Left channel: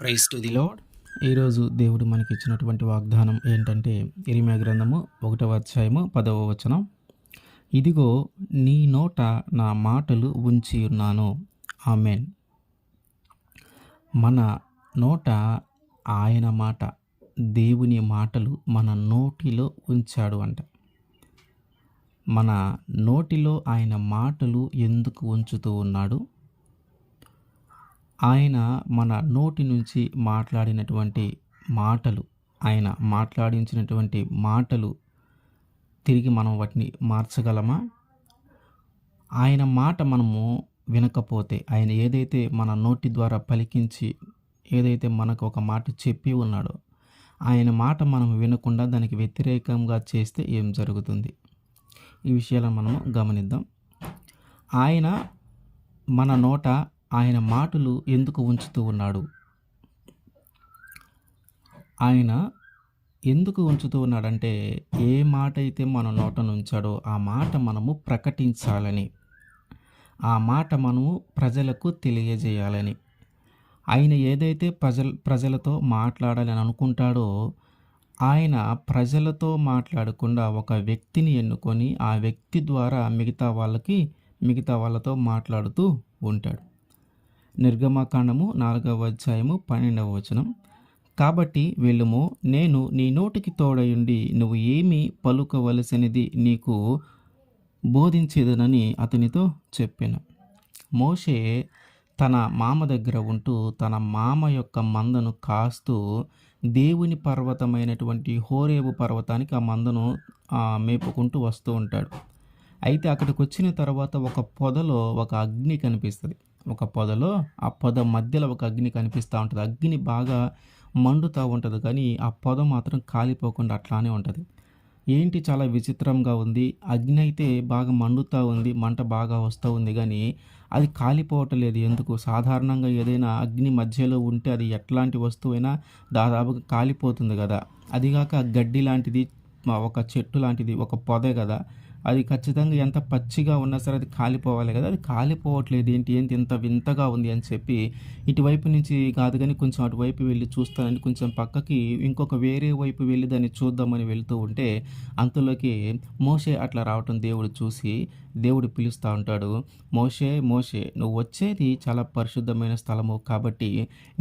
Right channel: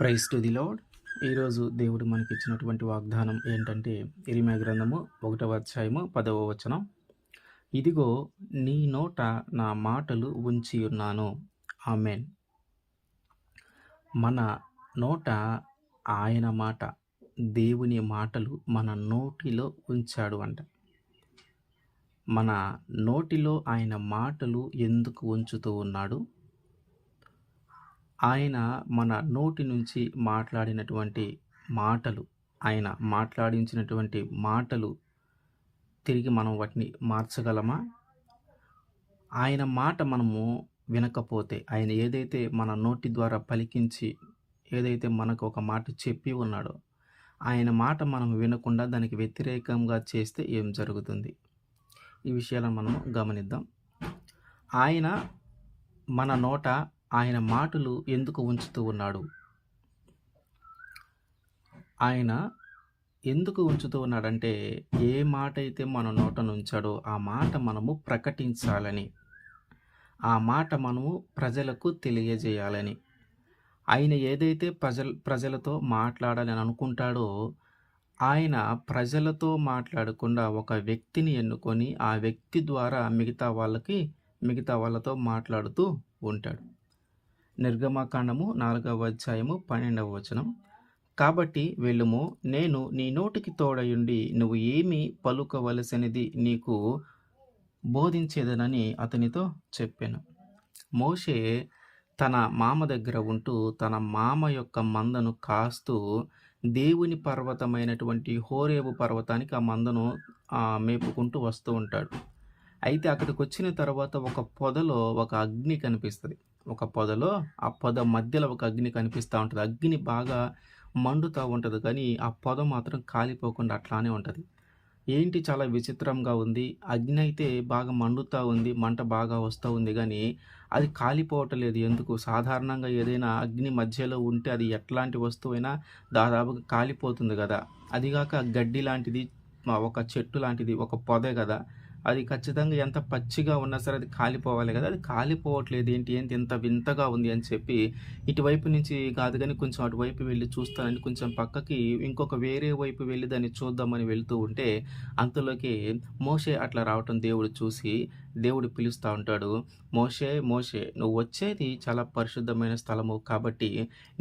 Praise to the lord. ఈరోజు దేవుడు మనకి ఇచ్చినటువంటి వాగ్దానం ఏంటంటే ఇరిమియా గ్రంథము 1వ అధ్యాయము 10వ వచనం. ఇదిగో నీ నోట నా మాటలు ఉంచి ఉన్నాను. ఆమేన్. మన నోట ఆయన మాట, దేవుని మాటలు మన నోటిలో ఉంచాడు అంట. మన నోటిలో ఆయన మాటలు ఎందుకు ఉంచుతూ ఉన్నాడు? ఆయన మన నోటి నుంచి మాట్లాడినటువంటి మాటలు, ఆయన మాట్లాడించినటువంటి మాటలు తిరిగి మనం వాటిని మార్చగలమా? ఆయన మాట మనము వినకపోతే, ఆయన ఏదైతే మన నోటి ద్వారా పలికించి ఏదైతే మనకు ఒక మాట చెప్పి ఉన్నాడో, ఆయన మాట మనం వినకుండా దానికి వ్యతిరేకంగా చేస్తే ఏం జరుగుతుంది? ఈ విషయాలను మనం గమనిద్దాం. ఆయన మన నోట ఆయన మాటలు ఎందుకు ఉంచుతూ ఉన్నాడు? ఆయన ఎందుకు ఉంచుతూ ఉన్నాడంటే, ఏ మాట అయితే మన నోటను ఉంచాడో ఆ మాట మనము ప్రకటించాలని, ఆ మాట మనము ప్రజలకు తెలియజేయాలని. ఆయన ఏదైతే ప్రజలతో మాట్లాడాలని అనుకుంటాడో, ఆయన ప్రజలతో మాట్లాడకుండా ఒక వ్యక్తిని ఎన్నుకొని ఆ వ్యక్తి ద్వారా మిగతా వాళ్ళతో మాట్లాడుతూ ఉంటాడు. నిర్గమకాండము 4వ అధ్యాయము 12వ వచనం. కాబట్టి వెళ్ళుము, నేను నీ నోటికి తోడయుండి నువ్వు ఏమి పలుకవలసినది నీకు బోధించేదనని అతనితో చెప్పాను. మోషే తన మామ దగ్గర ఉంటూ తన మామ యొక్క మందను కాస్తూ దేవుని పర్వతమైనటువంటి హోరేబు పర్వతానికి ఆ మందను మేపుకుంటూ వస్తూ ఉంటాడు. అయితే అక్కడికి వచ్చిన తర్వాత ఒక పొదలో ఒక అగ్ని కనిపిస్తుంది. ఒక పొదలో ఆ పొద మధ్యలో ఒక అగ్ని కనిపిస్తూ ఉంటుంది. అగ్ని బాగా మండుతూ ఉంటుంది, కానీ ఆ పొద మాత్రం కాలిపోకుండా అట్లానే ఉంటుంది. ఏంటి చాలా విచిత్రంగా ఉంది. అగ్ని అయితే బాగా మండుతూ ఉంది, మంట బాగా వస్తూ ఉంది, కానీ అది కాలిపోవటం లేదు. ఎందుకు? సాధారణంగా ఏదైనా అగ్ని మధ్యలో ఉంటే అది ఎట్లాంటి వస్తువైనా దాదాపుగా కాలిపోతుంది కదా. అదిగాక గడ్డి లాంటిది, ఒక చెట్టు లాంటిది, ఒక పొదే కదా. అది ఖచ్చితంగా ఎంత పచ్చిగా ఉన్నా సరే అది కాలిపోవాలి కదా. అది కాలిపోవట్లేదు, ఏంటి ఇంత వింతగా ఉంది అని చెప్పి ఇటువైపు నుంచి కాదు కానీ కొంచెం అటువైపు వెళ్ళి చూస్తానని కొంచెం పక్కకి ఇంకొక వేరే వైపు వెళ్ళి దాన్ని చూద్దామని వెళ్తూ ఉంటే అంతలోకి మోషే అట్లా రావటం దేవుడు చూసి దేవుడు పిలుస్తూ ఉంటాడు, మోషే మోషే, నువ్వు వచ్చేది చాలా పరిశుద్ధమైన స్థలము కాబట్టి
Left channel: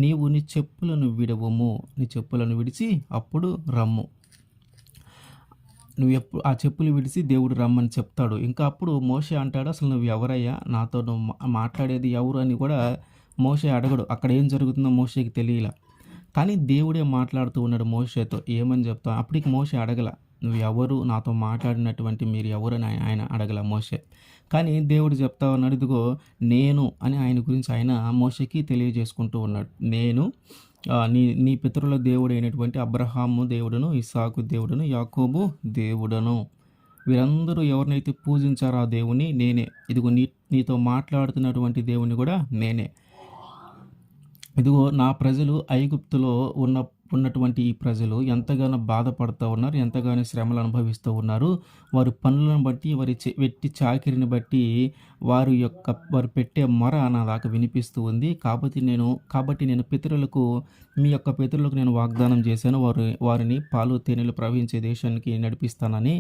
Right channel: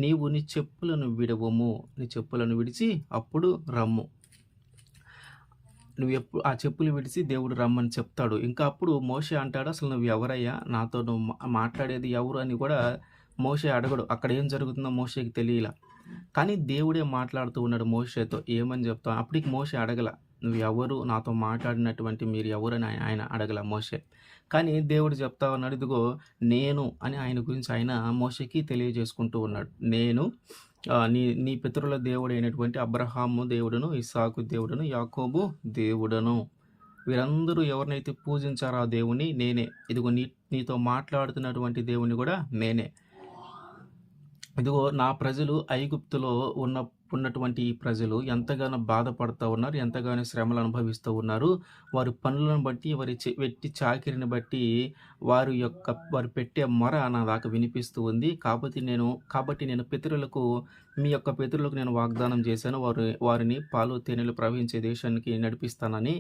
నీవు నీ చెప్పులను విడవము, నీ చెప్పులను విడిచి అప్పుడు రమ్ము. నువ్వు ఎప్పుడు ఆ చెప్పులు విడిచి దేవుడు రమ్మని చెప్తాడు. ఇంకా అప్పుడు మోషే అంటాడు, అసలు నువ్వు ఎవరయ్యా, నాతో నువ్వు మాట్లాడేది ఎవరు అని కూడా మోషే అడగడు. అక్కడ ఏం జరుగుతుందో మోషేకి తెలియలా, కానీ దేవుడే మాట్లాడుతూ ఉన్నాడు మోషేతో. ఏమని చెప్తావు? అప్పటికి మోషే అడగల, నువ్వు ఎవరు, నాతో మాట్లాడినటువంటి మీరు ఎవరు అని ఆయన అడగల మోషే. కానీ దేవుడు చెప్తా ఉన్నాడు, ఇదిగో నేను అని ఆయన గురించి ఆయన మోషేకి తెలియజేసుకుంటూ ఉన్నాడు. నేను నీ పితరుల దేవుడు అయినటువంటి అబ్రహాము దేవుడును, ఇస్సాకు దేవుడును, యాకోబు దేవుడను. వీరందరూ ఎవరినైతే పూజించారో ఆ దేవుని నేనే. ఇదిగో నీతో మాట్లాడుతున్నటువంటి దేవుని కూడా నేనే. ఇదిగో నా ప్రజలు ఐగుప్తులో ఉన్నటువంటి ఈ ప్రజలు ఎంతగానో బాధపడుతూ ఉన్నారు, ఎంతగానో శ్రమలు అనుభవిస్తూ ఉన్నారు. వారి పనులను బట్టి, వారి వెట్టి చాకిరిని బట్టి వారు పెట్టే మొర నా దాకా వినిపిస్తూ ఉంది. కాబట్టి నేను మీ యొక్క పితరులకు నేను వాగ్దానం చేశాను, వారిని పాలు తేనెలు ప్రవహించే దేశానికి నడిపిస్తానని.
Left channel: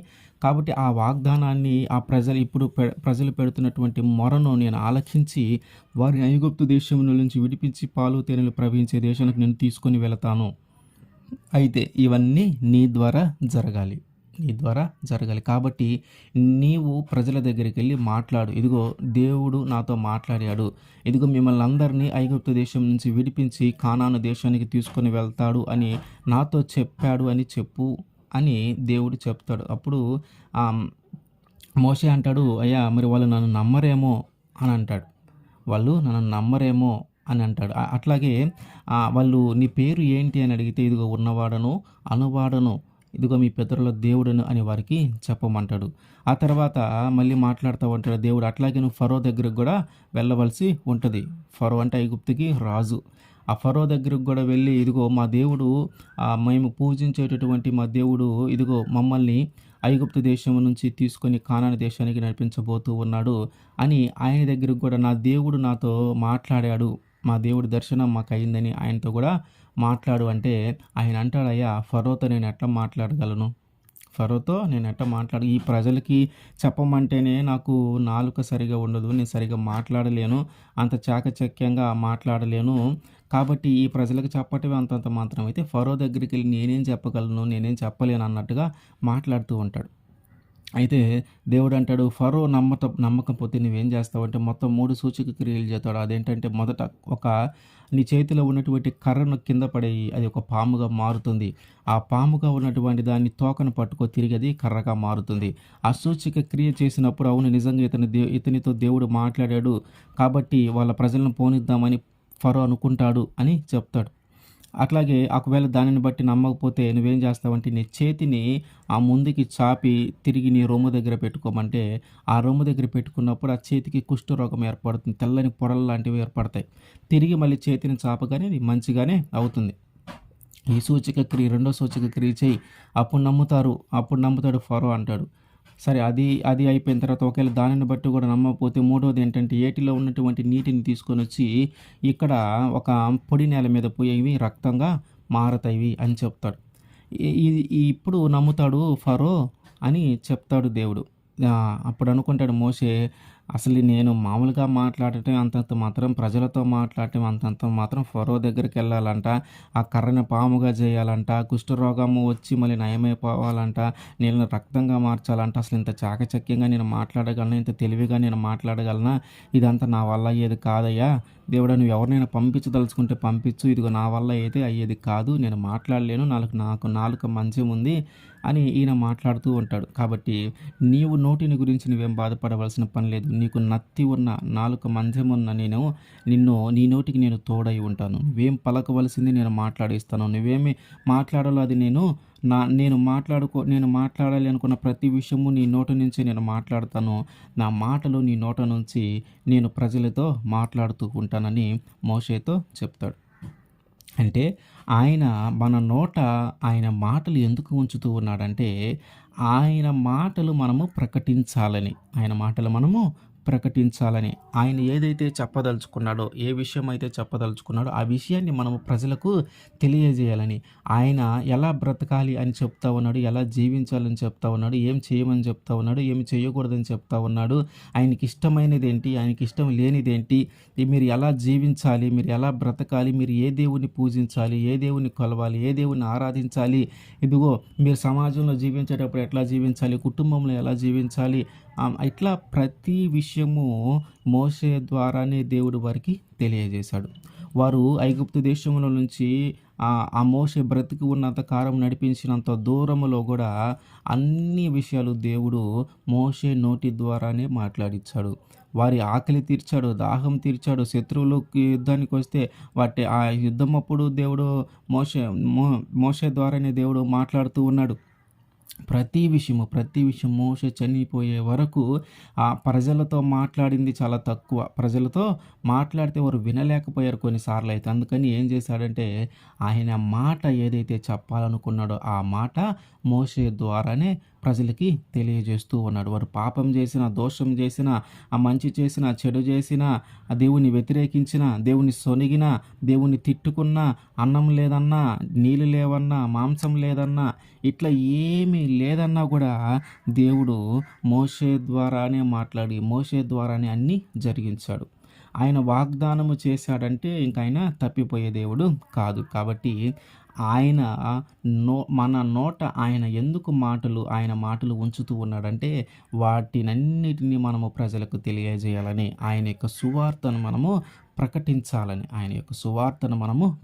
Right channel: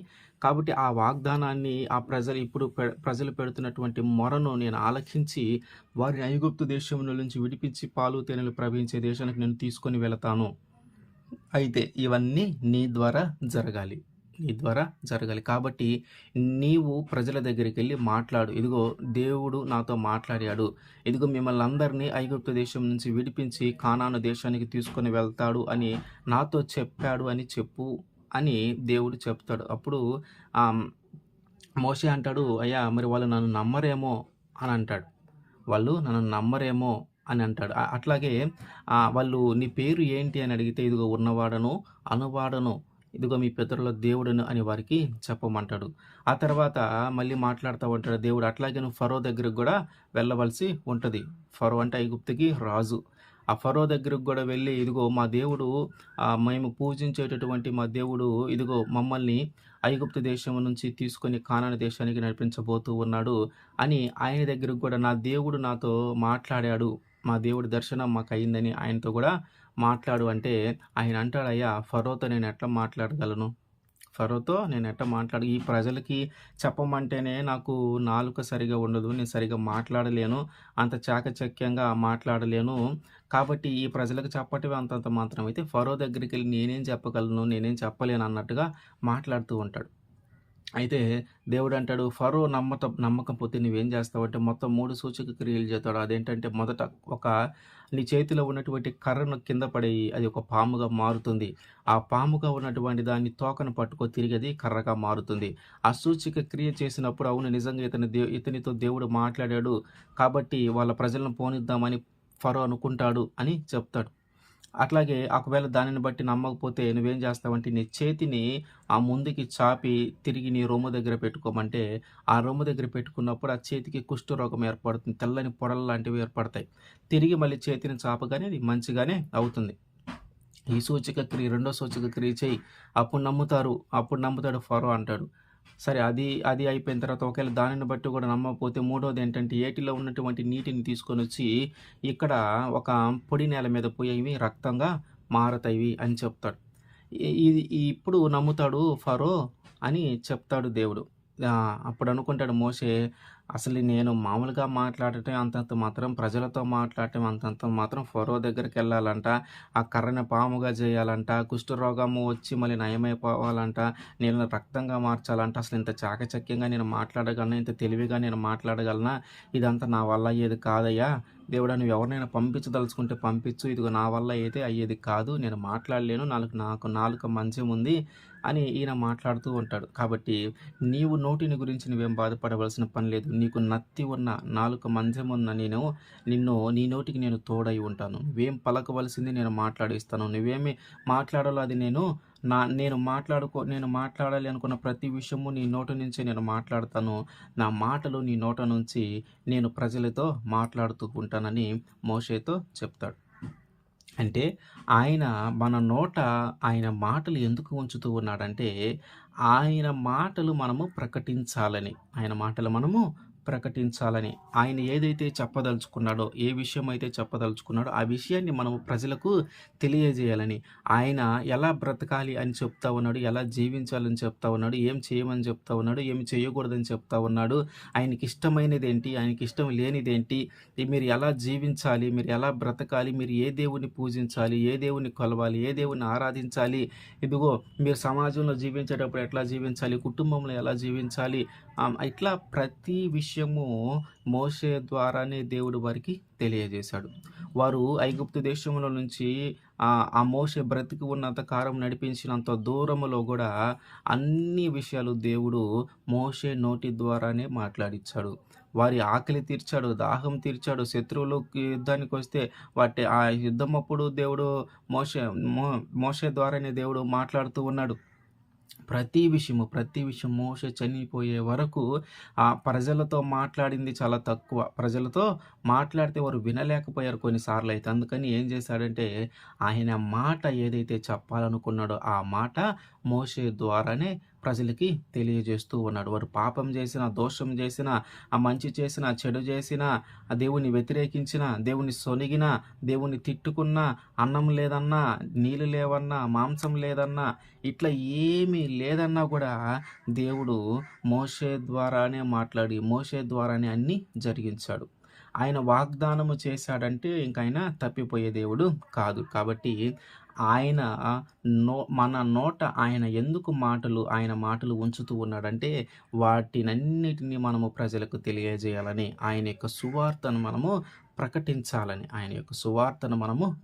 కాబట్టి ఆ వాగ్దానాన్ని ప్రజలు పెడుతున్నటువంటి మొరను నేను ఆలకించి వారిని ఐగుప్తు దేశం నుంచి విడిపించి పాలు తేనెలు ప్రవహించే దేశానికి నేను తీసుకొని వెళతాను. అయితే ఇవన్నీ నీ ద్వారా జరగాలి. కాబట్టి నీవు ప్రజల దగ్గరికి వెళ్ళి మాట్లాడు, ఇదిగో దేవుడు నాతో మాట్లాడాడు, ఇదిగో మిమ్మల్ని అందరినీ ఐగుప్తు దేశం నుంచి విడిపించి కానాను దేశానికి తీసుకొని వెళ్తాడు అని నాతో చెప్పాడు అని చెప్పు అని దేవుడు చెప్తాడు. అప్పుడు మోషే అంటాడు, అయ్యా మరి వాళ్ళు నన్ను నమ్మరేమో అని అంటాడు. అట్లాగే వాళ్ళు నీ పేరు ఏంటి అని అడిగితే ఇదిగో ఉన్నవాడను అనువాడను, ఇదిగో మీ పితరుల దేవుడను అని వారికి చెప్పమంటాడు. ఆ తర్వాత మళ్ళీ మాట్లాడుతూ ఉంటాడు దేవుడు, అట్లాగే నువ్వు ఫరో దగ్గరకు కూడా వెళ్ళవలసి ఉంటుంది. ఫరో అంటే ఐగుప్తుకి రాజు. ఆ ఫరో దగ్గరకు కూడా వెళ్ళి, ఇదిగో మా దేవుడు, మేము పూజించేటటువంటి మా దేవుడు ఇదిగో మమ్మల్ని ఐగుప్తు దేశం నుంచి తీసుకొని కానాను దేశానికి నడిపించబోతూ ఉన్నాడు అని ఆయన దగ్గరకు కూడా నా దేవుడు నాతో మాట్లాడాడు మా దేవుడి దర్శనం మాకయిందని ఆయనతో గూడా మాట్లాడు అంటే, ఆయన అంటాడు, "అయ్యా ఫరోతో నేనెట్లా మాట్లాడగలను? ఫరోతో నేనెట్లా ఈ ప్రజలకి చెప్పమంటేనే నాకు నాలుక సరిగ్గా ఉండదు. నేను సరిగ్గా మాట్లాడలేను. అంత చాకచక్యంగా మాట్లాడలేను. కాబట్టి ఈ ప్రజలకు చెప్పటమే అంతంత మాత్రమైతే ఫరో దగ్గరికెళ్ళి నేనేం చెప్పగలను? నేనేం చెప్పలేను" అన్నట్టుగా మాట్లాడుతూ ఉంటాడు. అయితే దేవుడంటాడు, "ఫరో నమ్మకపోతే నువ్వేం చేస్తావంటే మొత్తం 3 సూచక క్రియలు చేస్తాడు." అదేంటంటే మొదట ఒక నీ చేతిలో ఉన్నటువంటి కర్రను కింద పడేయి. అది ఒక పాముగా మారుతుంది. ఆ పాముగా ఉన్నటువంటి దాన్ని తోకను పట్టుకో తిరిగి అది కర్రగా మారుతుంది. ఆ సూచక క్రియ చేసినప్పుడు అవును నిజంగా ఇతనితో దేవుడు మాట్లాడాడు. కాబట్టి వాళ్ళ ప్రజలను పోనిద్దామని ఫరో అనుకుంటాడు అని చెప్తాడు. అట్లాగే ఒకవేళ దానిని బట్టి నమ్మకపోతే నువ్వేం చేస్తావంటే నీ చేతిని ఆ ముందుకి చాపి తిరిగి నీ రొమ్ము దగ్గర పెట్టుకోమంటే, ఆ రొమ్ము దగ్గర పెట్టుకున్నప్పుడు ఆ చేతికి కుష్ఠరోగం ఏర్పడుతుంది. తెల్లని పొరలు లాంటివి ఏర్పడతాయి. తిరిగి మళ్ళీ చేతిని చాపగానే అది మంచిగానే అవుతుంది. ఈ సూచక క్రియ రెండో సూచక క్రియ చెయ్యి. అప్పుడు నమ్ముతాడు ఫరో అంటాడు. సరే అది అది అయిపోయిన తర్వాత ఒకవేళ దానిని బట్టి కూడా నమ్మకపోతే మూడోదేంటంటే ఏటిలో ఉన్నటువంటి నీటిని తీసుకొనొచ్చి ఇక్కడ ఒక పొడి నేల మీద పోయి ఇవి రక్తంగా మారతాయివి అని చెప్తాడు. ఇది ఇప్పుడు నమ్ముతాడు ఫరో అని చెప్తాడు దేవుడు. అప్పుడు అనుకుంటాడు మోషే, అసలు నేను మామూలుగా మాట్లాడటం అంతంత మాత్రం, ప్రజలతో మాట్లాడటం అంతంత మాత్రం ఫరో దగ్గరికెళ్ళాలంట, ఆ కర్రని పాముగా చేయాలంట, కుష్ఠరోగము వచ్చి మళ్ళీ నయమైపోవాలంట, నీళ్ళని రక్తంగా మార్చాలంట. అసలు ఇంత చాకచక్యంగా నేను మాట్లాడగలనా? ఇంత తెలివిగా నేను మాట్లాడగలనా? ఇదంతా నా వల్ల అయ్యేది కాదయ్యా. దేవుడా నువ్వు ఎవరినైనా పంపించదలుచుకుంటే పంపించు. ఇదిగో నా వల్ల అయితే అయ్యేది కాదు. నేను మాట్లాడలేను. నాకు నాలుక మంచం ఉంది అని ఈయన మాట్లాడుతూ ఉంటాడు. కాబట్టి నీవు నోటిని గురించి నువ్వేం బాధపడవలసిన పని లేదు. నీకు నత్తి ఉన్న నాలుక మంచమున్న నీ నోటికి నేను తోడై ఉంటాను. నువ్వేం పలకవలసింది నేను మాట్లాడిస్తాను. నువ్వేమి మాట్లాడాలో అది నేను మాట్లాడాలి అనుకున్న ప్రతి విషయము నీ నోటి నుంచి నేను మాట్లాడతాను. నా మాటలు నీ నోట నుంచి నేను ప్రజలతో మాట్లాడుతూ ఉంటానని మోషేతో చెప్తాడు. అంటే ఆయన మన నోట ఆయన మాటలు ఎందుకు ఉంచుతూ ఉన్నాడంటే, ఆయన మాటలు మనము ప్రకటించాలని. ఆయన మాటలు మనము ప్రకటించాలని. ఆయన ఏదైతే చెప్పదలుచుకున్నాడో, ఏ విషయం అయితే చెప్పదలుచుకున్నాడో, ఆ విషయాన్ని మనము ప్రజలకు తెలియజేయాలని. ఆయన ఎలా బ్రతకాలి అని చెప్తా ఉన్నాడు, ఎలా జీవించాలని చెప్తా ఉన్నాడు, ఏం చేయమని చెప్తా ఉన్నాడు, ఏమి చేయకూడదని చెప్తా ఉన్నాడు, ఆయనకి ఇష్టమైనదేంటి, ఆయనకి ఇష్టం లేనిదేంటి, మీరు ఎలా జీవించాలి, మీరు ఎలా బ్రతకాలి, మీరు ఏ దేవుని పూజించాలి, ఏ దేవుని కొలవాలి, ఏ దేవుని ఆరాధించాలి, ఇదిగో మీరు సమాజంలో జీవించేటప్పుడు ఎట్లా జీవించాలి, కుటుంబంలో ఎలా జీవించాలి, ఇట్లా ప్రతి విషయము మోషే ద్వారానే దేవుడు వారికి తెలియజేశాడు. వారు ఐగుప్తు దేశంలో నుంచి ఆ మోషే బ్రతికి ఉన్నంత కాలం నడిపించినంత దూరములో కూడా అన్ని విషయాలు దేవుడు మోషే నోటి ద్వారానే మాట్లాడిచ్చాడు. వారి ఆకలి తీర్చాడు, దాహం తీర్చాడు. శత్రువులకి యుద్ధానికి వస్తే ఆ యుద్ధం అప్పుడు దేవుడు మోషే ద్వారానే దేవుడు మాట్లాడుతూ ఉన్నాడు. ప్రతి విషయం మోషే చనిపోయే వరకు ఆ ప్రజలతో మాట్లాడింది చాలా తక్కువ. ప్రజలతో మాట్లాడితే వారు వినలేకపోయారు కొన్నిసార్లు అయితే. అందుకని ఏం చేశాడంటే ఆయన మాట ఏదైతే చెప్పాలనుకున్నాడో ఆ మాట మోషే ద్వారానే ప్రజలకి తెలియజేస్తూ ఉన్నాడు. వారు పాపం చేసిన, దోషం చేసిన, ఆ మంచి చేసిన, చెడు చేసిన, ఆ దేవుని వ్యతిరేకించిన, దేవుని సొనిగిన, దేవుని తిట్టుకున్న, అన్నం లేదన్నా, నీళ్ళు లేవన్నా, మాంసం లేదన్నా, ఇట్లా ఏమీ లేదన్నా కూడా దేవుడు మోషే ద్వారానే మాట్లాడి మోషే ద్వారానే అన్నీ జరిగించాడు. ఆయన వాగ్దానము చేశాడంటే ఇంక ఆయన తప్పిపోయే దేవుడు కాదు. కాబట్టి ఆయన మన నోట ఆయన ఎందుకు ఆయన మాటలు ఉంచుతూ ఉన్నాడంటే వాటినన్నిటిని మనము ప్రజలకు తెలియజేయాలని, ఆయన యొక్క సువార్తను మనము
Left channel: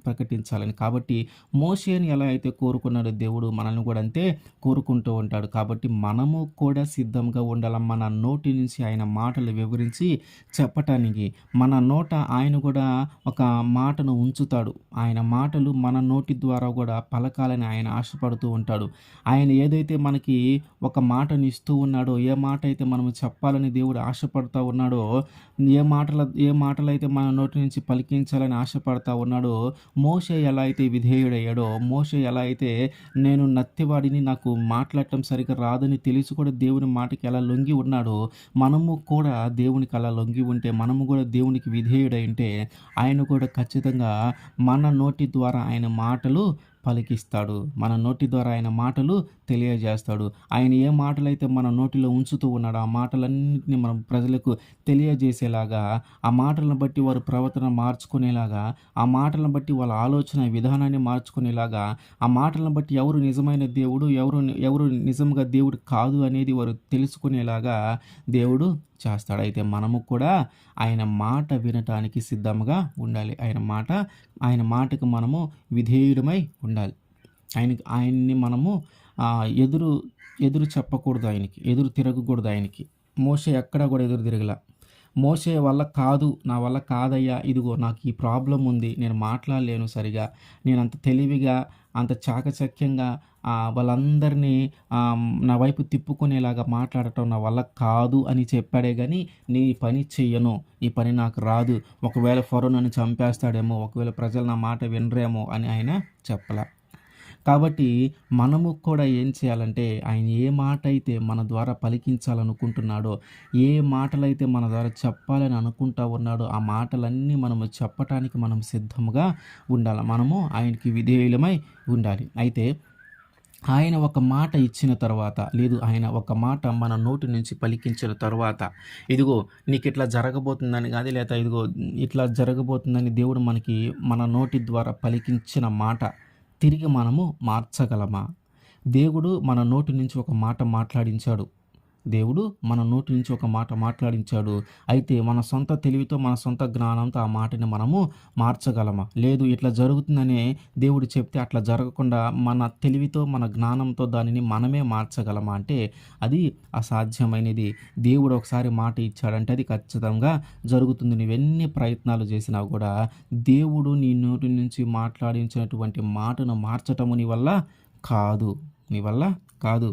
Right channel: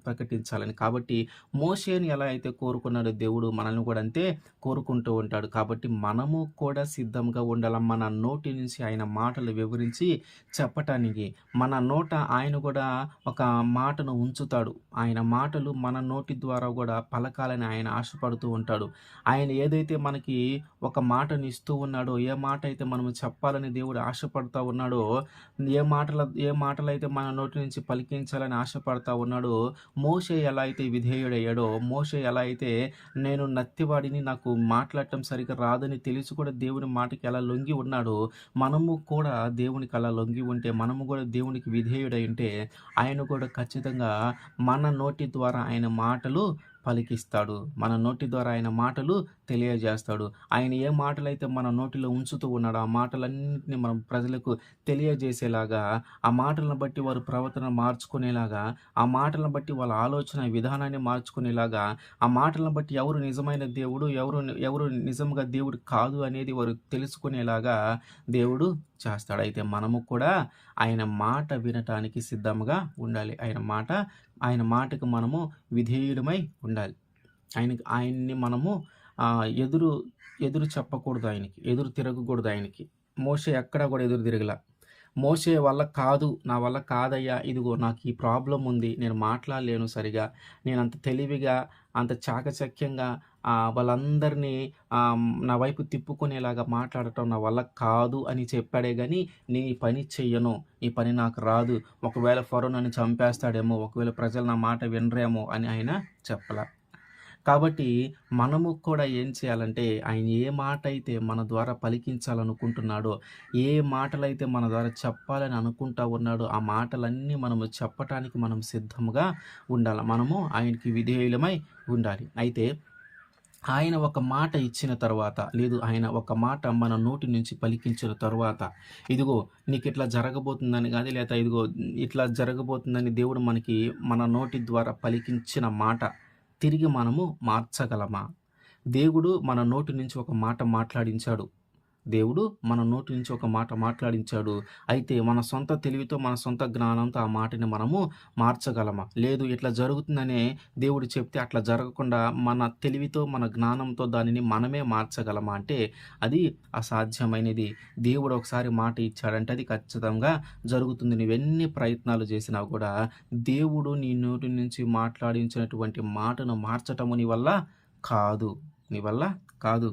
ప్రకటించాలని. కాబట్టి మోషేని ఎలా అయితే కోరుకున్నాడో దేవుడు మనల్ని కూడా అంతే కోరుకుంటూ ఉంటాడు. కాబట్టి మనము కూడా సిద్ధంగా ఉండాలి. మన నోటి నుంచి ఆయన మాటలు వివరించి చెప్పటానికి. మన నోట ఆయన కూడా ఒక మాటను ఉంచుతాడు. ఆయన మాటలు మన నోటి ద్వారా కూడా పలకాలని ఆయన ఆశపడుతూ ఉంటాడు. ఆయన ఏదైతే మనకి ఒక మాటను ఇస్తూ ఉన్నాడో, ఏ మాట అయితే మనము చెప్పాలని దేవుడు ఆశపడుతూ ఉన్నాడో, ఏ మాటలైతే మన నోటి నుంచి పలికించాలని ఆశపడతా ఉన్నాడో, మోషే ఎలా అయితే విధేయుడయ్యాడో, మోషే ఎలా అయితే నేను నత్తివాడిని నాకు మాట్లాడటం సరిగ్గా రాదని తెలిసి కూడా దేవుని మాటకి ఎలా లొంగి ఉన్నాడో, మనము కూడా దేవునికి అలా లొంగి ఉంటే, మనము కూడా దేవునికి విధేయుడై ఉంటే, ఆయన కూడా ఖచ్చితంగా మన నోటి ద్వారా ఆయన మాటలు పలికిస్తాడు. మన నోటి ద్వారా ఆయన మాటలు తెలియజేస్తాడు. ఆయన ఏ మాటలైతే మన నోటిలో ఉంచుతూ ఉన్నాడో, ఆ మాటలన్నిటిని మనం ప్రజలకు తెలియజేసేలాగా, ఆ మాటలను బట్టి వారు ప్రవర్తన మార్చుకునేలాగా, ఆ మాటలను బట్టి వాళ్ళ ఆలోచన విధానాన్ని మార్చుకునేలాగా, ఆ మాటలను బట్టి ఎవరు నిజమైన దేవుడు, ఎవరు నిజంగా దేవుడు కాదు అనేది వారు తెలుసుకునేలాగా దేవుడు చేస్తాడు. అయితే మనము కూడా ఆయన మాట వినటానికి సిద్ధంగా ఉండాలి. ఆయన మాటకు మనము విధేయుడమై ఉండాలి. ఆయన్ని మనము ఎదురు ఎదురు చెప్పకూడదు, ఆయనకి ఎదురు తిరగకూడదు. ఆయనకి మోషే ఎక్కడ కూడా ఎదురు తిరగల. మోషే వల్ల కాదు, నా వల్ల కాదయ్యా, ఇదిగో నాకు ఈ ప్రాబ్లం ఉంది, నేను మాట్లాడలేను సరిగా, నేను అంత తెలివిగా అంత చాకచక్యంగా వాళ్ళందరినీ నా వైపు తిప్పుకునేలాగా మాట్లాడటం నా వల్ల కాదు అని చెప్పాడే కానీ, నీ పని చెయ్యను, ఈ పని నాకు రాదు, ఒకవేళ ఫరో నన్ను చంపేస్తాడేమో, ఒకవేళ ప్రజలు నా మాట వినరేమో అని ఆయన చెప్పలా. కాబట్టి మనము కూడా ఏం చేయాలంటే, ఆయన ఏ మాట అయితే మన ద్వారా పలికించాలనుకుంటున్నాడో, ఏ మాటలైతే మన ద్వారా చెప్పాలని అనుకుంటా ఉన్నాడో, ఆ మాటలన్నీ మనము చెప్పటానికి మనం సిద్ధంగా ఉండాలి. మనము ఆయనకి విధేయులమై ఉండాలి. అయితే ఆయన ఒక మాట ఇచ్చిన తర్వాత, లేదు ఆయన ఒక మాట మన నోటి నుంచి పలికించిన తర్వాత, ఇదిగో నీకు ఇట్లా జరగబోతుందని కానీ, లేదా ఇదిగో ఇట్లా జరగబోతుందని దేవుడు మనకి మన నోటి ద్వారా పలికించిన మాట తిరిగి మనము మార్చగలమా? దేవుడు మన నోటి నుంచి ఒక మాట మాట్లాడించాడు. దేవుడు మన నోటి నుంచి ఒక మాట మాట్లాడించాడు. అయితే మన సొంత తెలివితో, మన సొంత జ్ఞానంతో ఆ మాటని మనము మార్చగలమా? లేదు, ఇట్లా జరుగుతుందనే దేవుడు చెప్తే అట్లా జరగకుండా మన తెలివితో, మన జ్ఞానంతో దానిని మనమే మార్చగలమా అంటే అది అసాధ్యమైనది. దేవుడు ఒకసారి మాట ఇచ్చాడంటే అది ఖచ్చితంగా జరుగుతుంది. నువ్వెన్ని ప్రయత్నాలు చేసినా కూడా దేవుడు నీ నోటి నుంచి మాట్లాడించినటువంటి మాటను మార్చటము నీ వల్ల కాదు.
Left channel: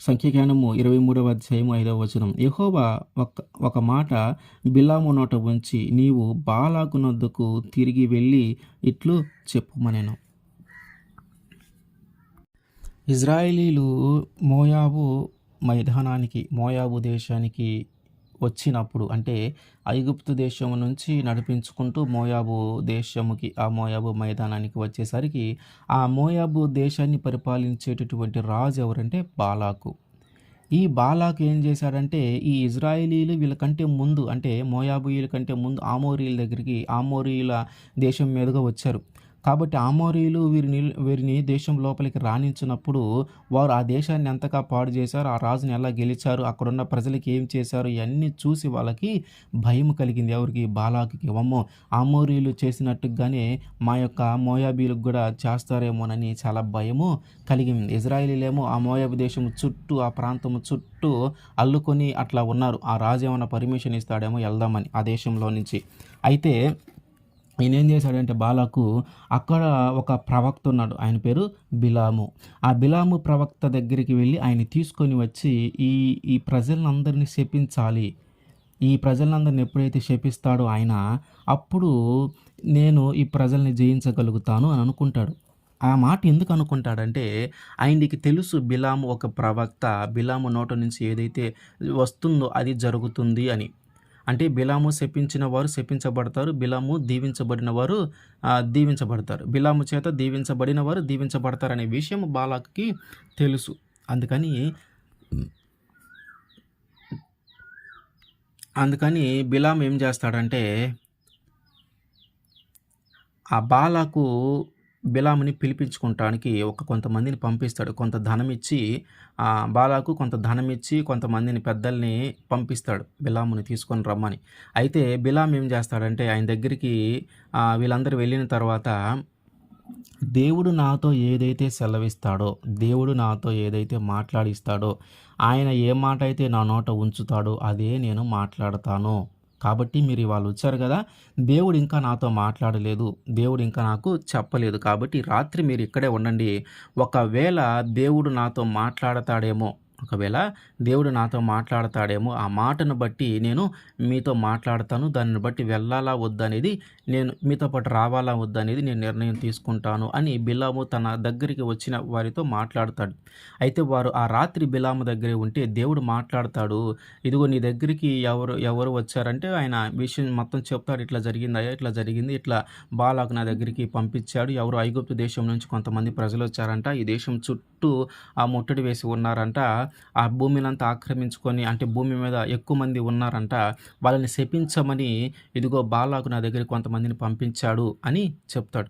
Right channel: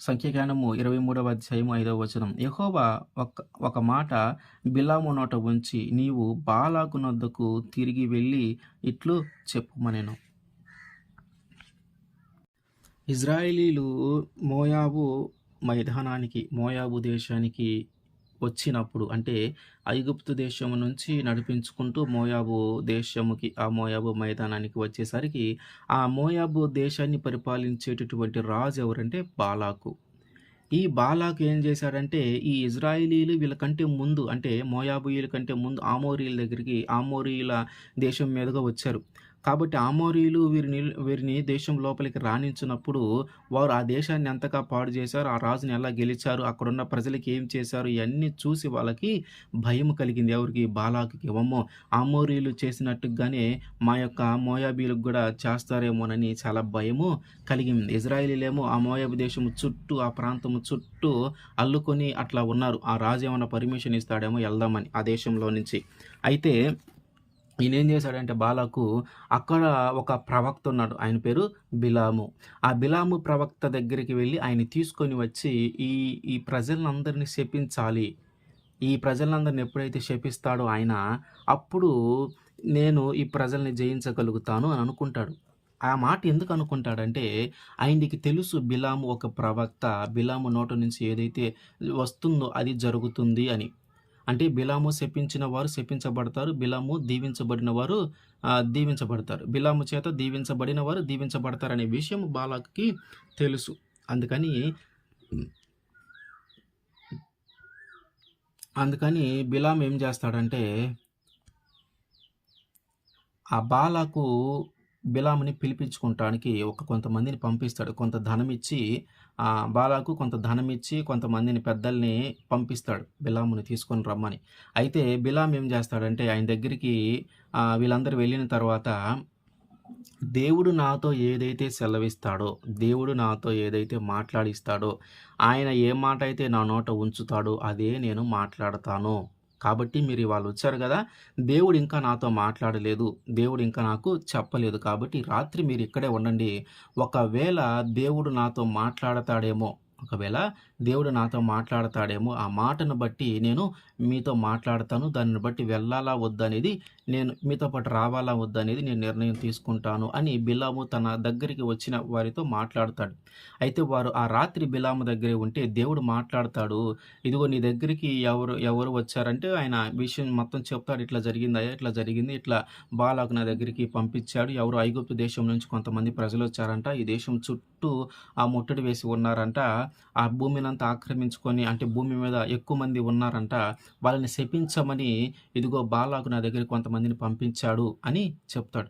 సంఖ్యాకాండము 23వ అధ్యాయము 5వ వచనం. యెహోవా ఒక మాట బిలాము నోట ఉంచి, నీవు బాలాకు నొద్దకు తిరిగి వెళ్ళి ఇట్లు చెప్పుమనెను. ఇజ్రాయేలీలు మోయాబు దేశానికి వచ్చినప్పుడు, అంటే ఐగుప్తు దేశం నుంచి నడిపించుకుంటూ ఆ మోయాబు మైదానానికి వచ్చేసరికి, ఆ మోయాబు దేశాన్ని పరిపాలించేటటువంటి రాజు ఎవరంటే బాలాకు. ఈ బాలాకు ఏం చేశాడంటే, ఈ ఇజ్రాయేలీలు వీళ్ళకంటే ముందు, అంటే మోయాబీయుల కంటే ముందు ఆమోరీయుల దేశం మీదుగా వచ్చారు. కాబట్టి ఆమోరీయులు వీరిని దేశం లోపలికి రానించినప్పుడు వారు ఆ దేశాన్ని ఎంతగా పాడు చేశారు, ఆ రాజుని ఎలా గెలిచారు, అక్కడున్న ప్రజలకి ఏం చేశారు, ఇవన్నీ చూసి వాళ్ళకి భయం కలిగింది. ఎవరికి? బాలాకుకి. అమ్మో, ఆమోరీయులు చేసినట్టుగానే మా యొక్క మోయాబీలకు కూడా చేస్తారేమోనని చాలా భయము కలిగింది. ఇజ్రాయేలీలేమో ఆ మోయాబు దేశం చుట్టూ, ఆ ప్రాంతము చుట్టూ అల్లుకొని అట్లా ఉన్నారు. ఆ రాజు ఏమైనా పర్మిషన్ ఇస్తాడేమో వెళ్దామని ఆ దేశంలో నుంచి. అయితే ఈయన ఏం చేశాడంటే, బాలాకు అక్కడ ఒక ప్రవక్త ఉన్నాడు, ఆయన పేరు బిలాము. ఆ బిలాము ప్రవక్త దగ్గరికి వెళ్ళి ఆయన తీసుకొని వచ్చి ఈ ప్రజలందరినీ శపించాలి, ఈ ప్రజలందరిని ఎప్పుడైతే శపిస్తాడో ఆయన, అప్పుడు నేను ఈ ప్రజల్ని జయించగలుగుతాను అని అనుకుంటాడు. ఆ మాట ఎందుకు అనుకుంటాడంటే, ఆయనకి తెలుసు బిలాము ఒక ప్రవక్త, బిలాము నోట నుంచి ఏదైతే వస్తుందో అది జరుగుతుంది అని. అంటే బిలాము శపించిన వారు శపించబడతారు, బిలాము దీవించబడిన వారు దీవించబడతారు, బిలాము చేత దీవించబడిన వారు దీవించబడతారు అనే విషయం బాలాకుకి తెలుసు. అందుకని బిలాము ఏం చేస్తాడంటే, ఆ బాలాకు బిలాముని పిలిపించుకుంటానికి కొంతమందిని పంపిస్తాడు. కొంత ధనం ఇచ్చి, బాలాకు కొంత ధనం ఇచ్చి కొంతమందిని పెద్దల్ని పంపిస్తాడు బిలాముని తీసుకొని రమ్మని. అయితే బిలాము ఏం చేస్తాడంటే, ఆయన దగ్గరికి వీళ్ళందరూ వెళ్ళిన తర్వాత, దేవుడు నాతో ఏదైతే సెలవిస్తాడో, దేవుడు నాతో ఏదైతే మాట్లాడిస్తాడో, ఆయన ఏ మాట అయితే నా నోట ఉంచుతాడో అదే నేను మాట్లాడతాను. కాబట్టి మీరు ఇవాళ వచ్చారు కదా, దేవుడు ఇంకా నాతో మాట్లాడలేదు, దేవుడు ఇంకా నాకు చెప్పలేదు, కాబట్టి రాత్రి మీరు ఇక్కడే ఉండండి. ఒకవేళ దేవుడు నాతో మాట్లాడతాడేమో, ఒకవేళ దేవుడు నాతో మాట్లాడతాడేమో, ఆ మాటను బట్టి నేను మీతో మాట్లాడతాను. దానిని బట్టి వెళ్ళాలా వద్దా అనేది, నేను మీతో పాటు రావాలా వద్దా అనేది నేను నిర్ణయం తీసుకుంటాను అని బిలాము తన దగ్గరికి వచ్చిన వారితో మాట్లాడతాడు. అయితే వారు ఆ రాత్రి బిలాము దగ్గరే ఉంటే దేవుడు మాట్లాడతాడు. ఇదిగో నీ దగ్గరికి ఎవరు ఎవరు వచ్చారంటే ఆయన విషయం మొత్తం చెప్తాడు. ఇట్లా జరిగిందయ్యా, ఇట్లా జరిగింది. ఇట్లా బాలాకు నా దగ్గరికి పంపించాడు. ఎవరో ఐగుప్తు దేశం నుంచి కొంతమంది ప్రజలొచ్చారంట. ఈ దేశం చుట్టూ ముట్టడి వేసి ఉన్నారంట. ఆ భూమినంతా ఆక్రమించుకొని అంటే భూమి మీద ఎక్కువ మంది ఉన్నారంట. వాళ్ళని శపించమని ఇదిగో బాలాకు నా దగ్గరికి కొంతమందిని పంపించాడు అని చెప్తాడు.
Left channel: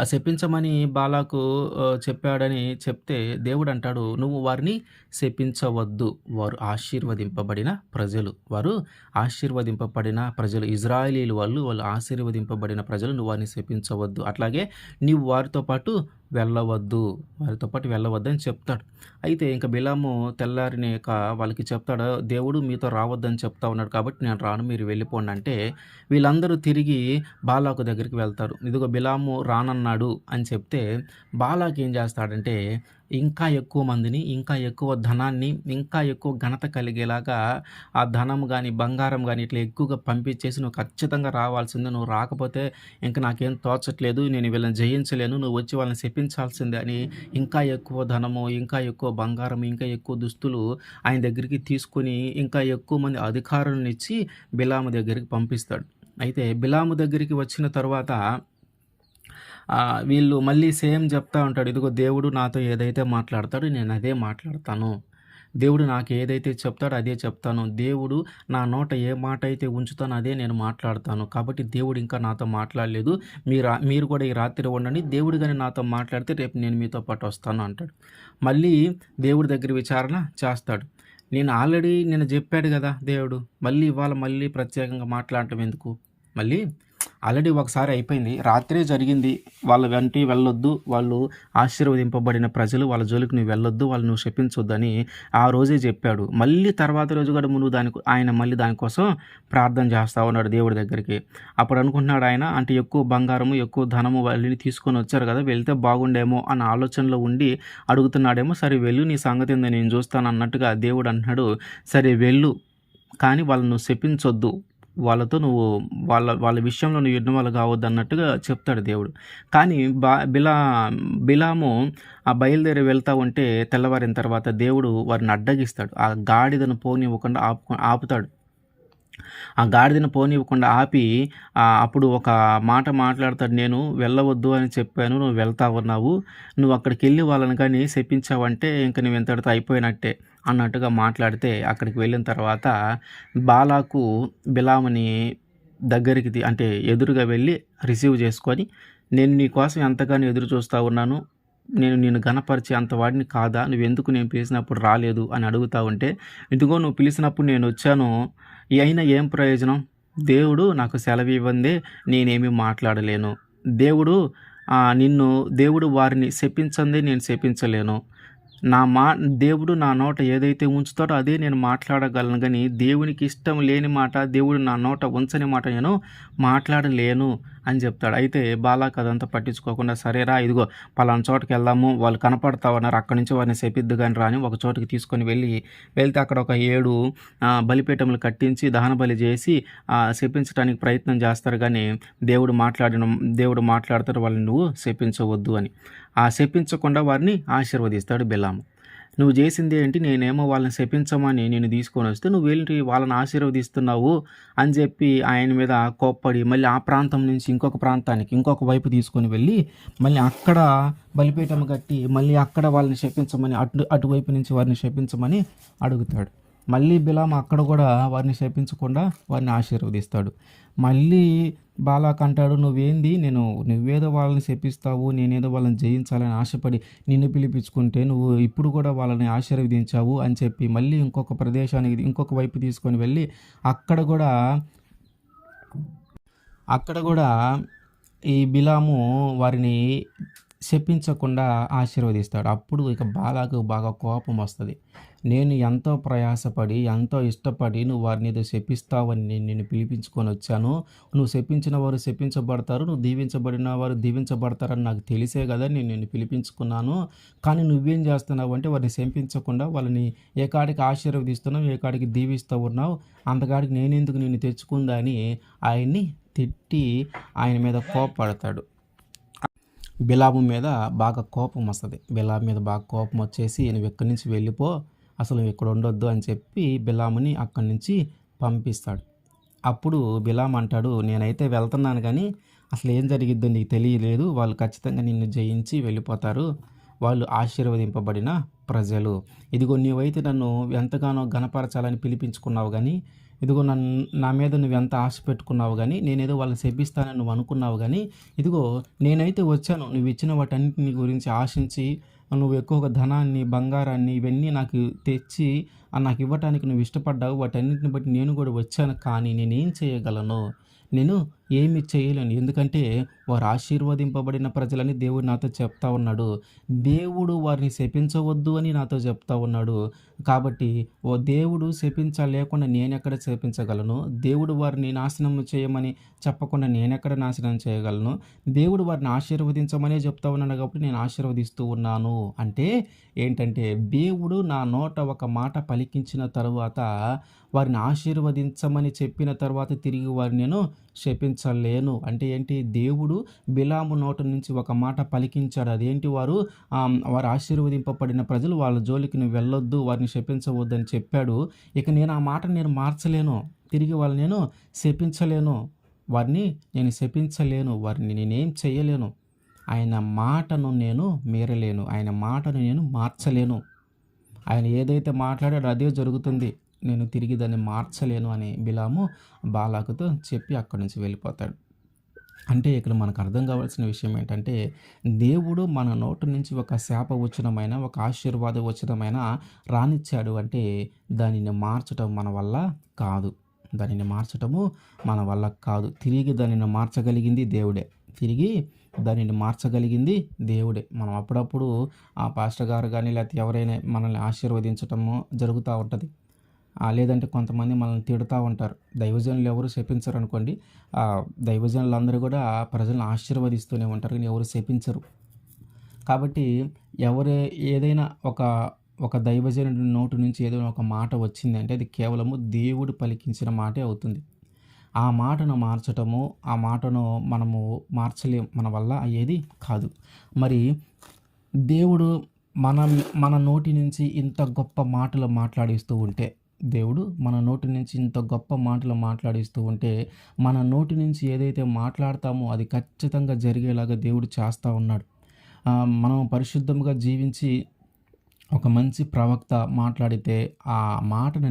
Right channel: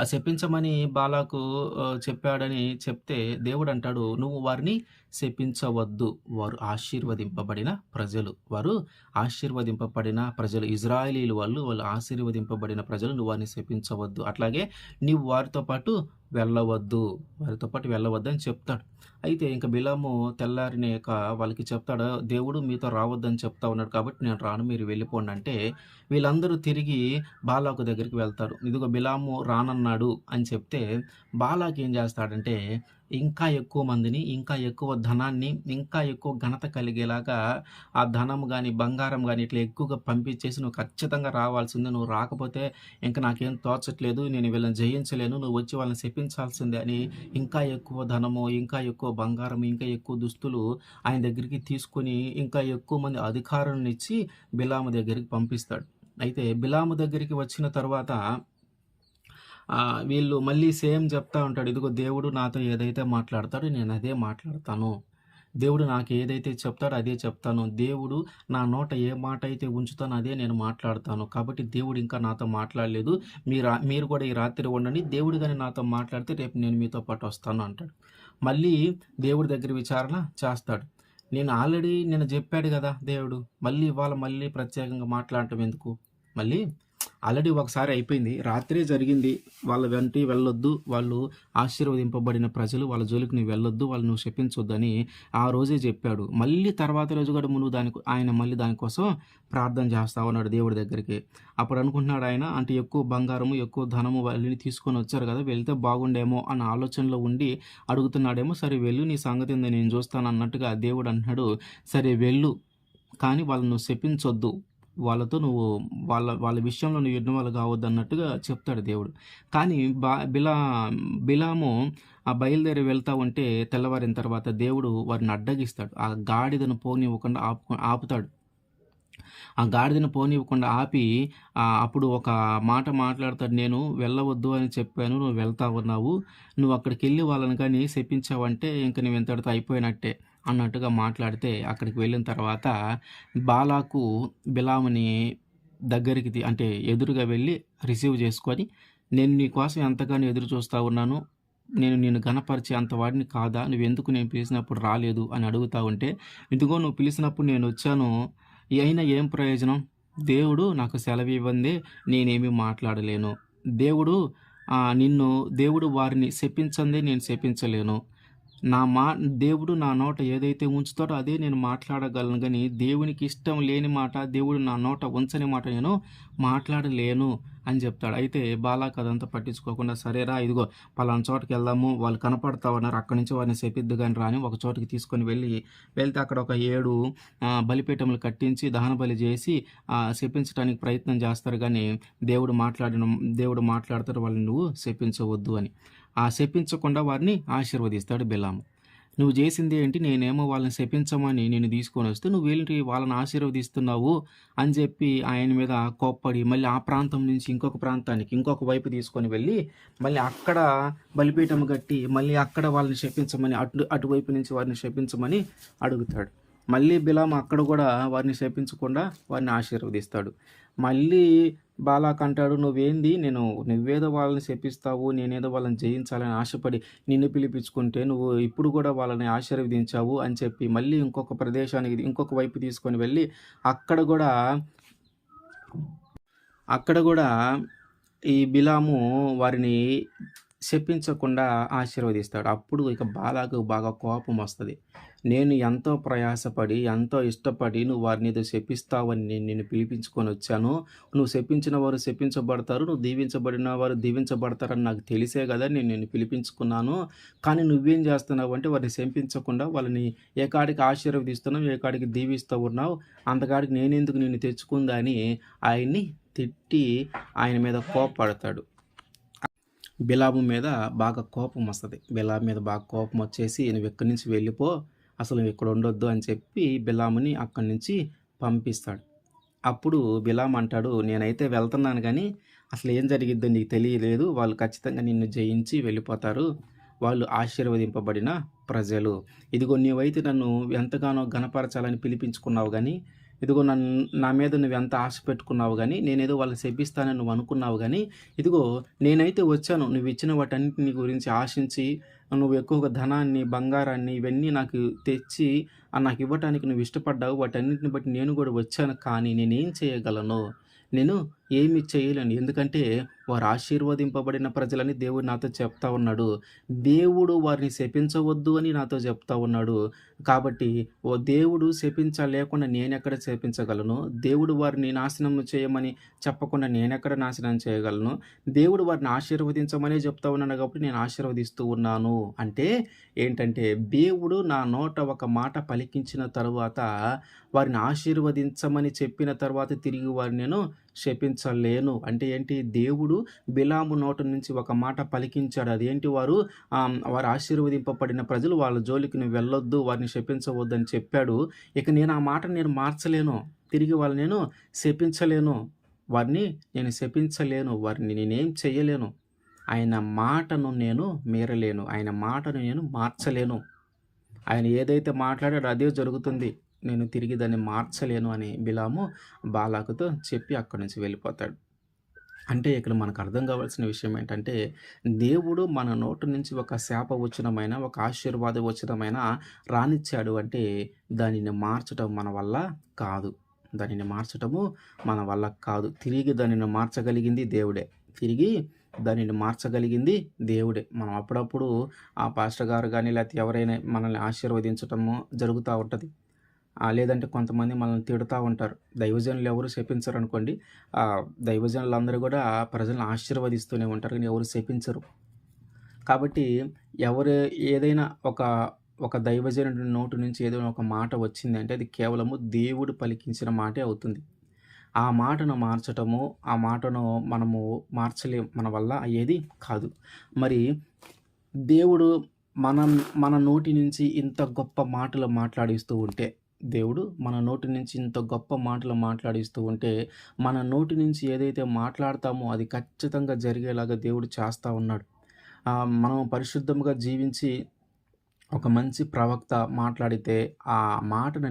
ఆ శపించమని బాలాకు చెప్పాడని చెప్తే దేవుడంటాడు, "నువ్వు వారిని శపించవద్దు. వారు ఆశీర్వదింపబడిన ప్రజలు. వారు ఆశీర్వదింపబడిన ప్రజలు. ఇజ్రాయేలీలు వాళ్ళు ఆశీర్వదింపబడిన ప్రజలు. నువ్వు వారిని శపించవద్దు. అట్లాగే నీవు వారితో పాటు వెళ్ళవద్దు. వారితో పాటు వెళ్ళవద్దు" అని చెప్తాడు. అయితే ఇంక బిలాము తెల్లారినాక వాళ్ళకి చెప్తాడు, "దేవుడు మీతో రావద్దని చెప్తా ఉన్నాడు కాబట్టి నేను రాను. మీరు వెళ్ళిపోండి" అంటే వీళ్ళందరూ తిరిగి బాలాకు దగ్గరికి వెళ్తారు. ఇదిగో బిలాము రానన్నాడు అని చెప్తే బాలాకు ఏం చేస్తాడంటే ఇంకా ఎక్కువ మందిని, ఇంకా ఎక్కువ ధనాన్ని, ఇంకా ఎక్కువ ఘనత కలిగేలాగా ఆ ధనం గాని, బంగారం గాని ఇట్లా ఎక్కువగా పంపించేసి "నువ్వు ఖచ్చితంగా రావాల్సిందే. నువ్వు రాకపోతే ఇంక నాకేం తోచట్లేదు. నేను వీళ్ళని జయించలేను. నువ్వు వచ్చి వాళ్ళని శపించాల్సిందే" అని ఇంకా ఎక్కువ ధనము, ఇంకా ఎక్కువ బంగారం, ఇంకా ఎక్కువ దుస్తులు ఆయన దగ్గరికి తీసుకొని ఇంకా ఎక్కువ మంది అధికారులనిచ్చి బిలాము దగ్గరికి పంపిస్తాడు. అయితే బిలాము దగ్గరికి వచ్చిన తరువాత వీళ్ళు మళ్ళీ సేమ్ చెప్తా ఉంటాడు. ఇదిగో దేవుడు నాతో ఏదైతే మాట్లాడతాడో నేను అదే మాట్లాడతాను. దేవుడు నాకు ఏదైతే చెప్తాడో అదే చెప్తాను. దేవుడు నా నోట ఏ మాట అయితే ఉంచుతానో అదే నేను మాట్లాడతాను. కాబట్టి దేవుడు ఇంకా నాతో మాట్లాడలేదు. మీరు కూడా ఈ రాత్రి ఉండండి. దేవుడు గాని నాతో మాట్లాడితే రేపు నేను మీతో పాటు వస్తాను అంటాడు. మళ్ళీ దేవుడి దగ్గర విచారణ చేస్తాడు. నేను చెప్పాడు కదా దేవుడు. మళ్ళీ ప్రత్యేకంగా మాట్లాడటం ఎందుకు? మళ్ళీ ఆల్రెడీ ఒకసారి అయిపోయింది. రాత్రే జరిగింది. వాళ్ళ వెంట వెళ్ళొద్దు. వాళ్ళు ఆశీర్వదింపబడిన ప్రజలు. వాళ్ళ జోలికి నువ్వు వెళ్ళొద్దు. వాళ్ళు నువ్వు శపించొద్దని ఆ రోజే చెప్పాడు. మళ్ళీ తర్వాత రోజు కూడా నువ్వు ఆయన మళ్ళీ దానికోసం ప్రార్థన చేస్తా ఉన్నాడు దేవుడి దగ్గరికి. అప్పుడు అనుకుంటున్నాడు ఆయన, అంటే ఎక్కువ బంగారము, ఎక్కువ ధనము వాళ్ళని తీసుకొని వచ్చారు కదా, వెళ్తే బాగుండేమో అన్న ఆలోచనలో ఉండి అడుగుతున్నాడేమో. సరే వెళ్ళు, నీ సంగతి ఏందో నేను చూస్తాను అన్నట్టుగా దేవుడు అంటున్నాడు. సరే వెళ్ళు, కానీ వాళ్ళని నువ్వు శపించొద్దు. వాళ్ళతో నువ్వు వాళ్ళ విషయంలో నువ్వు ఇన్వాల్వ్ కావద్దు అన్నట్టుగా చెప్తాడు దేవుడు. కానీ బిలాము బయలుదేరి వెళ్తా ఉంటే తెల్లవారిన తర్వాత దేవుడు వారిని అడ్డగిస్తాడు. ఆ గాడిదను పోనివ్వకుండా ఆపుతాడు. ఆ గాడిదను పోనివ్వకుండా ఆపి అప్పుడు ఒక మాట మాట్లాడతాడు. "నేను వెళ్ళవద్దు అని చెప్పాను. నువ్వు వెళ్తా ఉన్నావు. నువ్వు అక్కడికెళ్ళి వాళ్ళని కానీ శపించావంటే ఇంక నువ్వు ఇంతటితో అయిపోయినట్టే" అన్నట్టుగా మాట్లాడితే అక్కడికి వెళ్ళిన తర్వాత బాలాకు బిలాముని దగ్గరికి అంటే ఎదురుగా వెళ్ళి రిసీవ్ చేసుకొని, "నేను నీ కోసం ఎంతగానో ఎదురు చూస్తా ఉన్నాను. నేను నిన్ను ఘనపరిచే అంత వాడిని కాదా? నువ్వెందుకు నేను పిలిచినప్పుడు రాలేదు" అని అడుగుతా ఉంటే, "ఇదిగో నువ్వు పిలిచినప్పుడు నేనొచ్చాను. అయినా ఏం ప్రయోజనం? దేవుడు నాకు సెలవివ్వందే నేనేమీ మాట్లాడలేను. దేవుడు దేవుడు వారిని శపించందే నేను శపించలేను. నా మా దేవుడు నా నోట ఏదైతే ఉంచుతాడో అదే నేను మాట్లాడగలను గానీ, దేవునికి ఇష్టం లేని మాట, దేవుడు నా నోట ఉంచని మాట నేను మాట్లాడలేను" అని చెప్తాడు. అయితే బాలాకు అదంతా పట్టించుకోకుండా, "సరేరా, ఇదిగో పలానా చోటకెళ్దాము. వాళ్ళు కనపడతా ఉన్నారు. అక్కడి నుంచి వారిని శపిద్దు గాని రా" అని ఒక చోటుకి తీసుకొని వెళ్తే అక్కడ ఒక 7 బలిపీఠములు కట్టించి దహన బలి చేసి శపించడానికి ప్రయత్నం చేస్తారు గానీ, దేవుడు మాట్లాడతాడు, వాళ్ళని నువ్వు శపించవద్దు అని. శపించకుండా వారిని ఆశీర్వదిస్తాడు బిలాము. "నువ్వు చేసింది ఏంటి? నేనేమో వాళ్ళని శపించమని నిన్ను తీసుకొనొస్తే నువ్వేంటి వాళ్ళని ఆశీర్వదిస్తున్నావు" అని చెప్పి ఆయన మీద కోప్పడి మళ్ళీ ఆ ప్రాంతం నుంచి ఇంకొక ప్రాంతానికి, ఇంకొక వైపు తీసుకొని వెళ్ళి మళ్ళీ అక్కడ బలిపీఠం కట్టి మళ్ళీ అక్కడ వాళ్ళని శపించమని అటువైపు నుంచి వారిని శపించమని అడుగుతాడు. మళ్ళీ బిలాము అక్కడ కూడా వారిని శపించకుండా వారిని ఆశీర్వదిస్తాడు. మళ్ళీ బాలాకు అంటాడు, నువ్వేదో వాళ్ళని శపిస్తావు, నేనేదో వాళ్ళని జయించాలని ఆశపడి నిన్ను పిలిపించుకుంటే నువ్వు ఇప్పుడు కూడా వాళ్ళని ఆశీర్వదించావు అని చెప్పి మళ్ళీ ఇంకొక ప్రదేశానికి ఇంకొక వైపు తీసుకొని వెళ్ళి అక్కడ కూడా ఈ బిలాము వారిని శపించకుండా ఆశీర్వదిస్తాడు. అప్పుడు ఇక బాలాకు బాగా కోపం వస్తది. నేను ఎంతో ప్రయాసపడి, ఎంతో ఇష్టపడి నువ్వు వారినేదో శపిస్తావని నేను నిన్ను పిలిపించుకొనొచ్చాను. నువ్వు శపించిన వారు శపించబడతారు. నువ్వు దీవించబడిన వారు దీవించబడతారని నాకు తెలిసే గదా! నేను నిన్ను పిలిపించుకున్నాను. కానీ నువ్వేం జేస్తున్నావంటే వారిని శపించకుండా వాళ్ళని ఏ కాడికి ఆశీర్వదిస్తున్నావు, ఏ కాడికి దీవిస్తూ ఉన్నావు. అంతకాడికి నేనెందుకు నిన్ను తెచ్చుకుందా అని ఆయన్ని తిట్టి ఆయన మీద కోప్పడతాడు. బిలాము మీద బాగా కోపమొస్తది. బిలాము మీద బాగా కోపమొచ్చేసి "నువ్విక్కడి నుంచి వెళ్ళిపో. అసలు నువ్విక్కడ ఉండొద్దు" అని చెప్పి బిలాముని అక్కడి నుంచి పంపిస్తాడు. అప్పుడు బిలాము అంటాడు, "నేనైతే వెళ్తున్నాను గానీ, అసలేం జరిగిద్దో నీకు తెలియలేదు. వాళ్ళు ఖచ్చితంగా నిన్ను జయించి వెళ్ళిపోతారు. వాళ్ళు ఆశీర్వదింపబడిన ప్రజలు. ఇదిగో నీవైతే నన్ను ఎంతగానో ఘనపరచాలని పిలిపించుకున్నావు గానీ, ఇదిగో నా మీద నువ్వెంత ఆశ పెట్టుకున్నావు గానీ, నేనేదో వాళ్ళని శపిస్తానని నువ్వు అనుకున్నావు గానీ, ఇదిగో నేనైతే వచ్చాను. నువ్విచ్చిన వాటన్నిటిని గురించి ఆశించి, నువ్వు ఎక్కువగా ధనాన్ని, బంగారాన్ని ఇవన్నీ నాకు తెచ్చి నాకివ్వటానికి నువ్వు ఇష్టపడ్డావు. వాటన్నిటిని బట్టి నేను గూడా వచ్చాను. కానీ నేనేం చేయగలను? నేను ఏమి చేయలేను. ఎందుకంటే వారు ఆశీర్వదింపబడిన ప్రజలని దేవుడు నాతో చెప్తా ఉన్నాడు. దేవుడు వారిని శపించవద్దు అని నాతో చెప్తా ఉన్నాడు. కాబట్టి దేవుడు శపించలేకుండా నేనెక్కడ శపించగలను? దేవుడు వారిని నాశనం చేయమని చెప్పకుండా నేనెక్కడ నాశనం చేయగలను? దేవుడు వారిని ఆశీర్వదించమనే చెప్తా ఉన్నాడు కాబట్టి నేను ఆశీర్వదిస్తూ ఉన్నాను. అంటే ఏంటంటే దేవుడు నా నోట ఒక మాట పలికించిన తరువాత వారిని ఆశీర్వదించమని చెప్పిన తర్వాత తిరిగి వారిని నేను శపించలేను. అంటే ఏంటి? దేవుడు బిలాము నోట నుంచి ఒక మాట పలికించాడు. అదేంటి? వారు ఆశీర్వదింపబడిన ప్రజలు వాళ్ళ జోలికి నువ్వు వెళ్ళొద్దు, వారిని శపించవద్దు అని చెప్పాడు. ఇక నేను ఆ మాటను నేను మార్చలేను. తిరిగి వాళ్ళని నేను శపించలేను. వారిని నేను శపించలేను. వారిని నేనేం చేయలేను. ఆయన మాటను నేను మీరలేను. ఆయన మాటను నేను మార్చలేను. ఆయన ఏదైతే మాట్లాడాడో అదే జరుగుతుంది. నేను తిరిగి దాన్ని మార్చలేను అని బిలాము బాలాకుతో చెప్పి అక్కడి నుంచి వెళ్ళిపోతాడు. అంటే ఇక్కడ మనకు అర్థం కావాల్సిన విషయం ఏంటంటే, దేవుడు మన నోటి నుంచి ఒక శాపవచనమైన, ఒక ఆశీర్వాద వచనమైన రానిచ్చాడు అంటే, దానిని మార్చటం మన వల్ల కాదు. దానిని మార్చటము మన వల్ల కాదు. తిరిగి దానిని మార్చగలిగింది దేవుడే. తిరిగి దానిని మార్చగలిగింది దేవుడే. మనం అప్పుడప్పుడు ఆ పాస్టర్ గారు గానీ, లేకపోతే ఎవరైనా మనల్ని ఆశీర్వదించటము జరుగుతా ఉంటది. లేదంటే కొంతమంది మనల్ని తిడుతూ ఉంటారు. దైవజనులు ఎవరు శపించరనుకోండి. దైవజనులందరూ కూడా ప్రజలను ఆశీర్వదిస్తూనే ఉంటారు. కానీ ఎవరు శపించరు. కాబట్టి ఎవరు ఏదైనా ఒక దైవజనుడి నోటి నుంచి ఏదైనా ఒక మాట వచ్చిందంటే అది కేవలము దేవుడు పలికించిన మాటే అవుతుంది. ఆ మాటను మార్చటము, ఆ మాటను మనము మార్చలేం. మన వల్ల అయ్యేది కాదు. మరి దేవుడు మనం మన నోటి నుంచి ఇంత గొప్ప మాటలు మాట్లాడిస్తూ ఉంటే, దేవుడు మన నోటి నుంచి ఇంత గొప్ప మాటలు మాట్లాడిస్తూ ఉంటే, మన నోటి నుంచి ఏదైతే మాట్లాడతామో అది ఖచ్చితంగా జరిగేలాగా దేవుడు చేస్తా ఉన్నాడు. మనం పరిశుద్ధంగా జీవించి ఒక మంచి ప్రవక్త మాట్లాడితే ఆ మాటను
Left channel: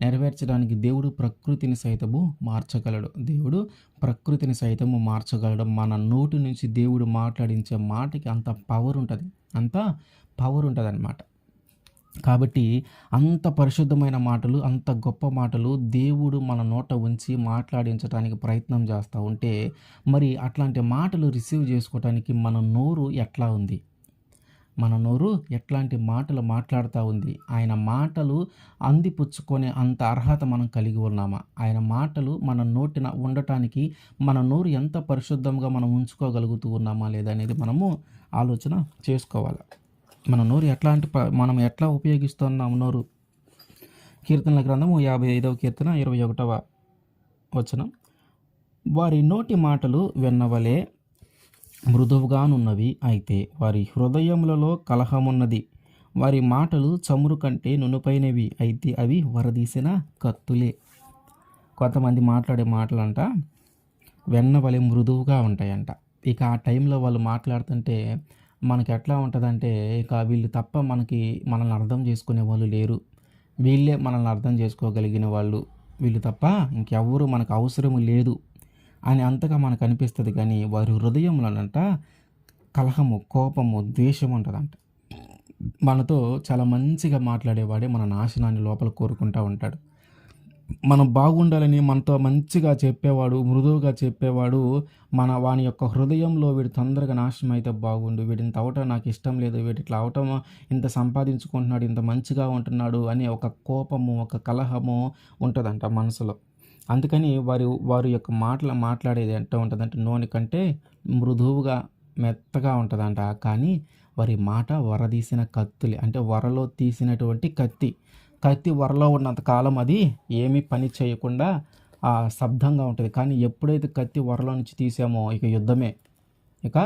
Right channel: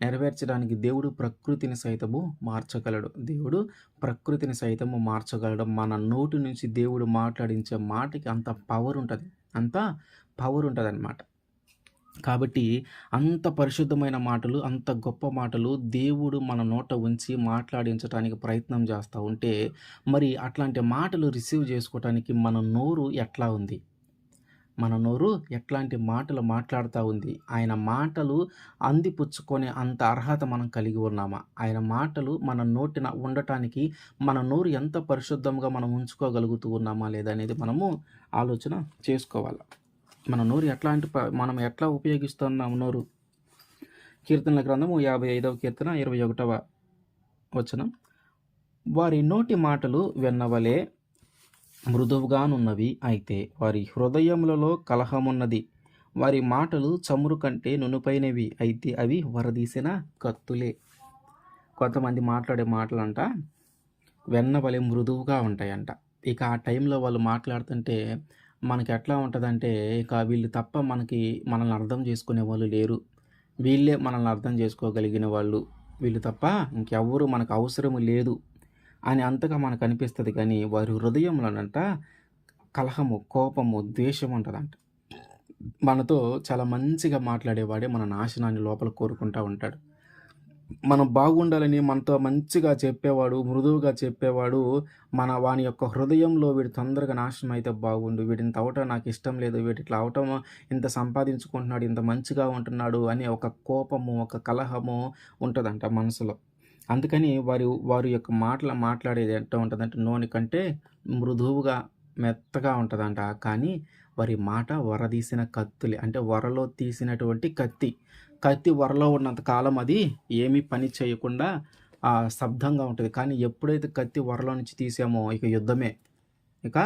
నెరవేర్చడానికి దేవుడు ప్రకృతిని సైతము మార్చగలడు. దేవుడు ప్రకృతిని సైతము మార్చగలడు. మన నోటి నుంచి దేవుడు మాట్లాడించే మాటకి అంత పవర్ ఉంటది. అంత పవర్ ఉంటదనమాట. కాబట్టి అంత పరిశుద్ధమైన మాటలు, అంత గొప్ప మాటలు దేవుడు మన నోట ఉంచి మాట్లాడించటానికి ప్రయత్నం చేస్తూ ఉంటే, మరి అట్లాంటి మాటలు రిసీవ్ చేసుకోవటానికి మన నోరు ఎట్లా ఉంది? మన నోరు ఎట్లాంటి మాటలు మాట్లాడుతూ ఉంది? ఆయన మాటలు అందిపుచ్చుకునే అంత అర్హత మనం కలిగి ఉన్నామా? ఆయన మాటలు మన నోటిన ఉండటానికి మన నోరు ఎంత పరిశుద్ధంగా మనం ఉంచుకోగలుగుతూ ఉన్నామా లేదా అనేది మనము ఆలోచన చేసుకోవాలి. మన నోరు మనం ఎట్లా ఉపయోగిస్తున్నాం నోరు? కీర్తనల గ్రంథము 55వ కీర్తన 21వ వచనం. వారి నోటి మాటలు వెన్నవలే మృదువుగానున్నవి, అయితే వారి హృదయములలో కలహమున్నది. వారి మాటలు చమురు కంటే నునుపైనవి, అయితే అవి వరదీసిన కత్తులే. కొంతమంది మాట్లాడే మాటలంట వెన్నవలే మృదువుగా ఉంటాయంట. ఇక ఆ టైంలో వాళ్ళు మాట్లాడుతుంటే మనకి ఎట్లా ఉంటుందంటే, ఇక వీళ్ళు తప్ప మనల్ని అర్థం చేసుకునే వాళ్ళు లేరు. వీళ్ళే మనల్ని అర్థం చేసుకోగలిగిన వాళ్ళు. వీళ్ళు తప్ప ఇంకెవ్వరు మనకు అవసరం లేదు అని అంతగా మనకు అనిపిస్తుంది. కానీ వారి హృదయంలోనంట కలహము, కోపము, ద్వేషం ఉంటుందంట. మనతో చాలా మంచిగా మాట్లాడేవాడే మన నాశనాన్ని లోపల కోరుకుంటూ ఉంటాడు. మనం బాగుండాలని మనతో మంచిగా చెప్పేవాడు, మృదువుగా చెప్పేవాడు, వాని యొక్క హృదయంలో వీడు తొందరగా నాశనం అయితే బాగుండు. వీడింత అవ్వటం నాకిష్టం లేదు. వీడిట్లా అవ్వటం, ఇంత సంపాదించుకుంటున్నాడు, ఇంత మంచిగా ఉంటున్నాడు అనే ఒక కోపము, ఒక కలహము ఉంటదంట మనసులో. అందుకని వారి యొక్క మాట్లాడేది ఎట్ట ఉంటదంటే నూనె కంటే మృదువుగా, మెత్తగా ఉంటదంట. కానీ వారి మాట వరదీసిన కత్తులే. అంటే వరలో తీసినటువంటి కత్తి. కత్తి వరలో ఉన్నంత కాలం అది ఏమీ పని చేయకుండా స్తబ్దంగా ఉంటది. కానీ ఎప్పుడైతే కత్తి వరలో నుంచి తీసామో ఇక యుద్ధమే. ఇక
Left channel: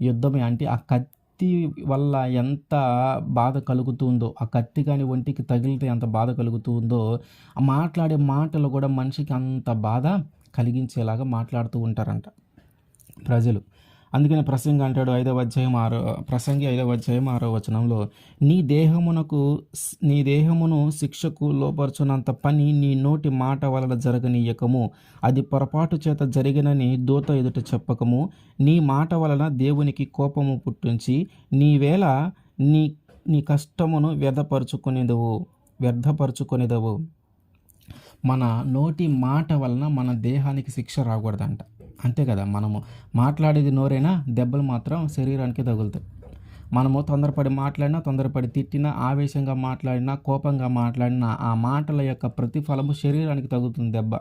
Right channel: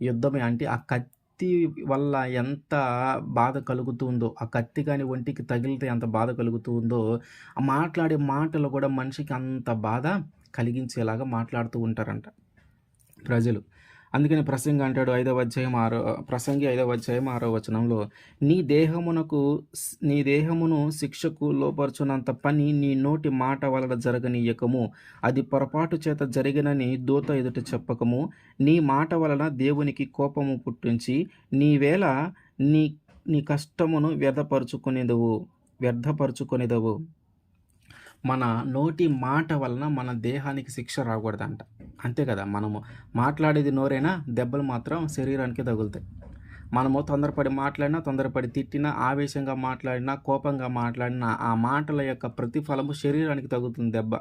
యుద్ధమే. అంటే ఆ కత్తి వల్ల ఎంత బాధ కలుగుతుందో, ఆ కత్తి గాని ఒంటికి తగిలితే ఎంత బాధ కలుగుతుందో, ఆ మాట్లాడే మాటలు కూడా మనిషికి అంత బాధ కలిగించేలాగా మాట్లాడుతూ ఉంటారంట ప్రజలు. అందుకనే ప్రసంగి అంటాడు ప్రసంగి 5వ అధ్యాయం 6వ వచనంలో, నీ దేహమును శిక్షకు లోపరుచునంత పని నీ నోటి మాట వలన జరగనీయకము. అది పొరపాటు చేత జరిగినని దూత ఎదుట చెప్పకము. నీ మాట వలన దేవునికి కోపము పుట్టించి నీవేళ నీ నీ కష్టమును వ్యర్థపరుచుకొనిదవు. మన నోటి మాట వలన మన దేహానికి శిక్ష రాకూడదంట. అంతే కదా, మనము మాట్లాడేది నోరైనా దెబ్బలు మాత్రం శరీరానికి తగులుతాయి. మనము తొందరపడి మాట్లాడినా, తొందరపడి తిట్టినా, ఆవేశంగా మాట్లాడినా, కోపంగా మాట్లాడినా ఆ మాటల యొక్క ప్రతిఫలము శరీరానికి తగులుతుంది దెబ్బ.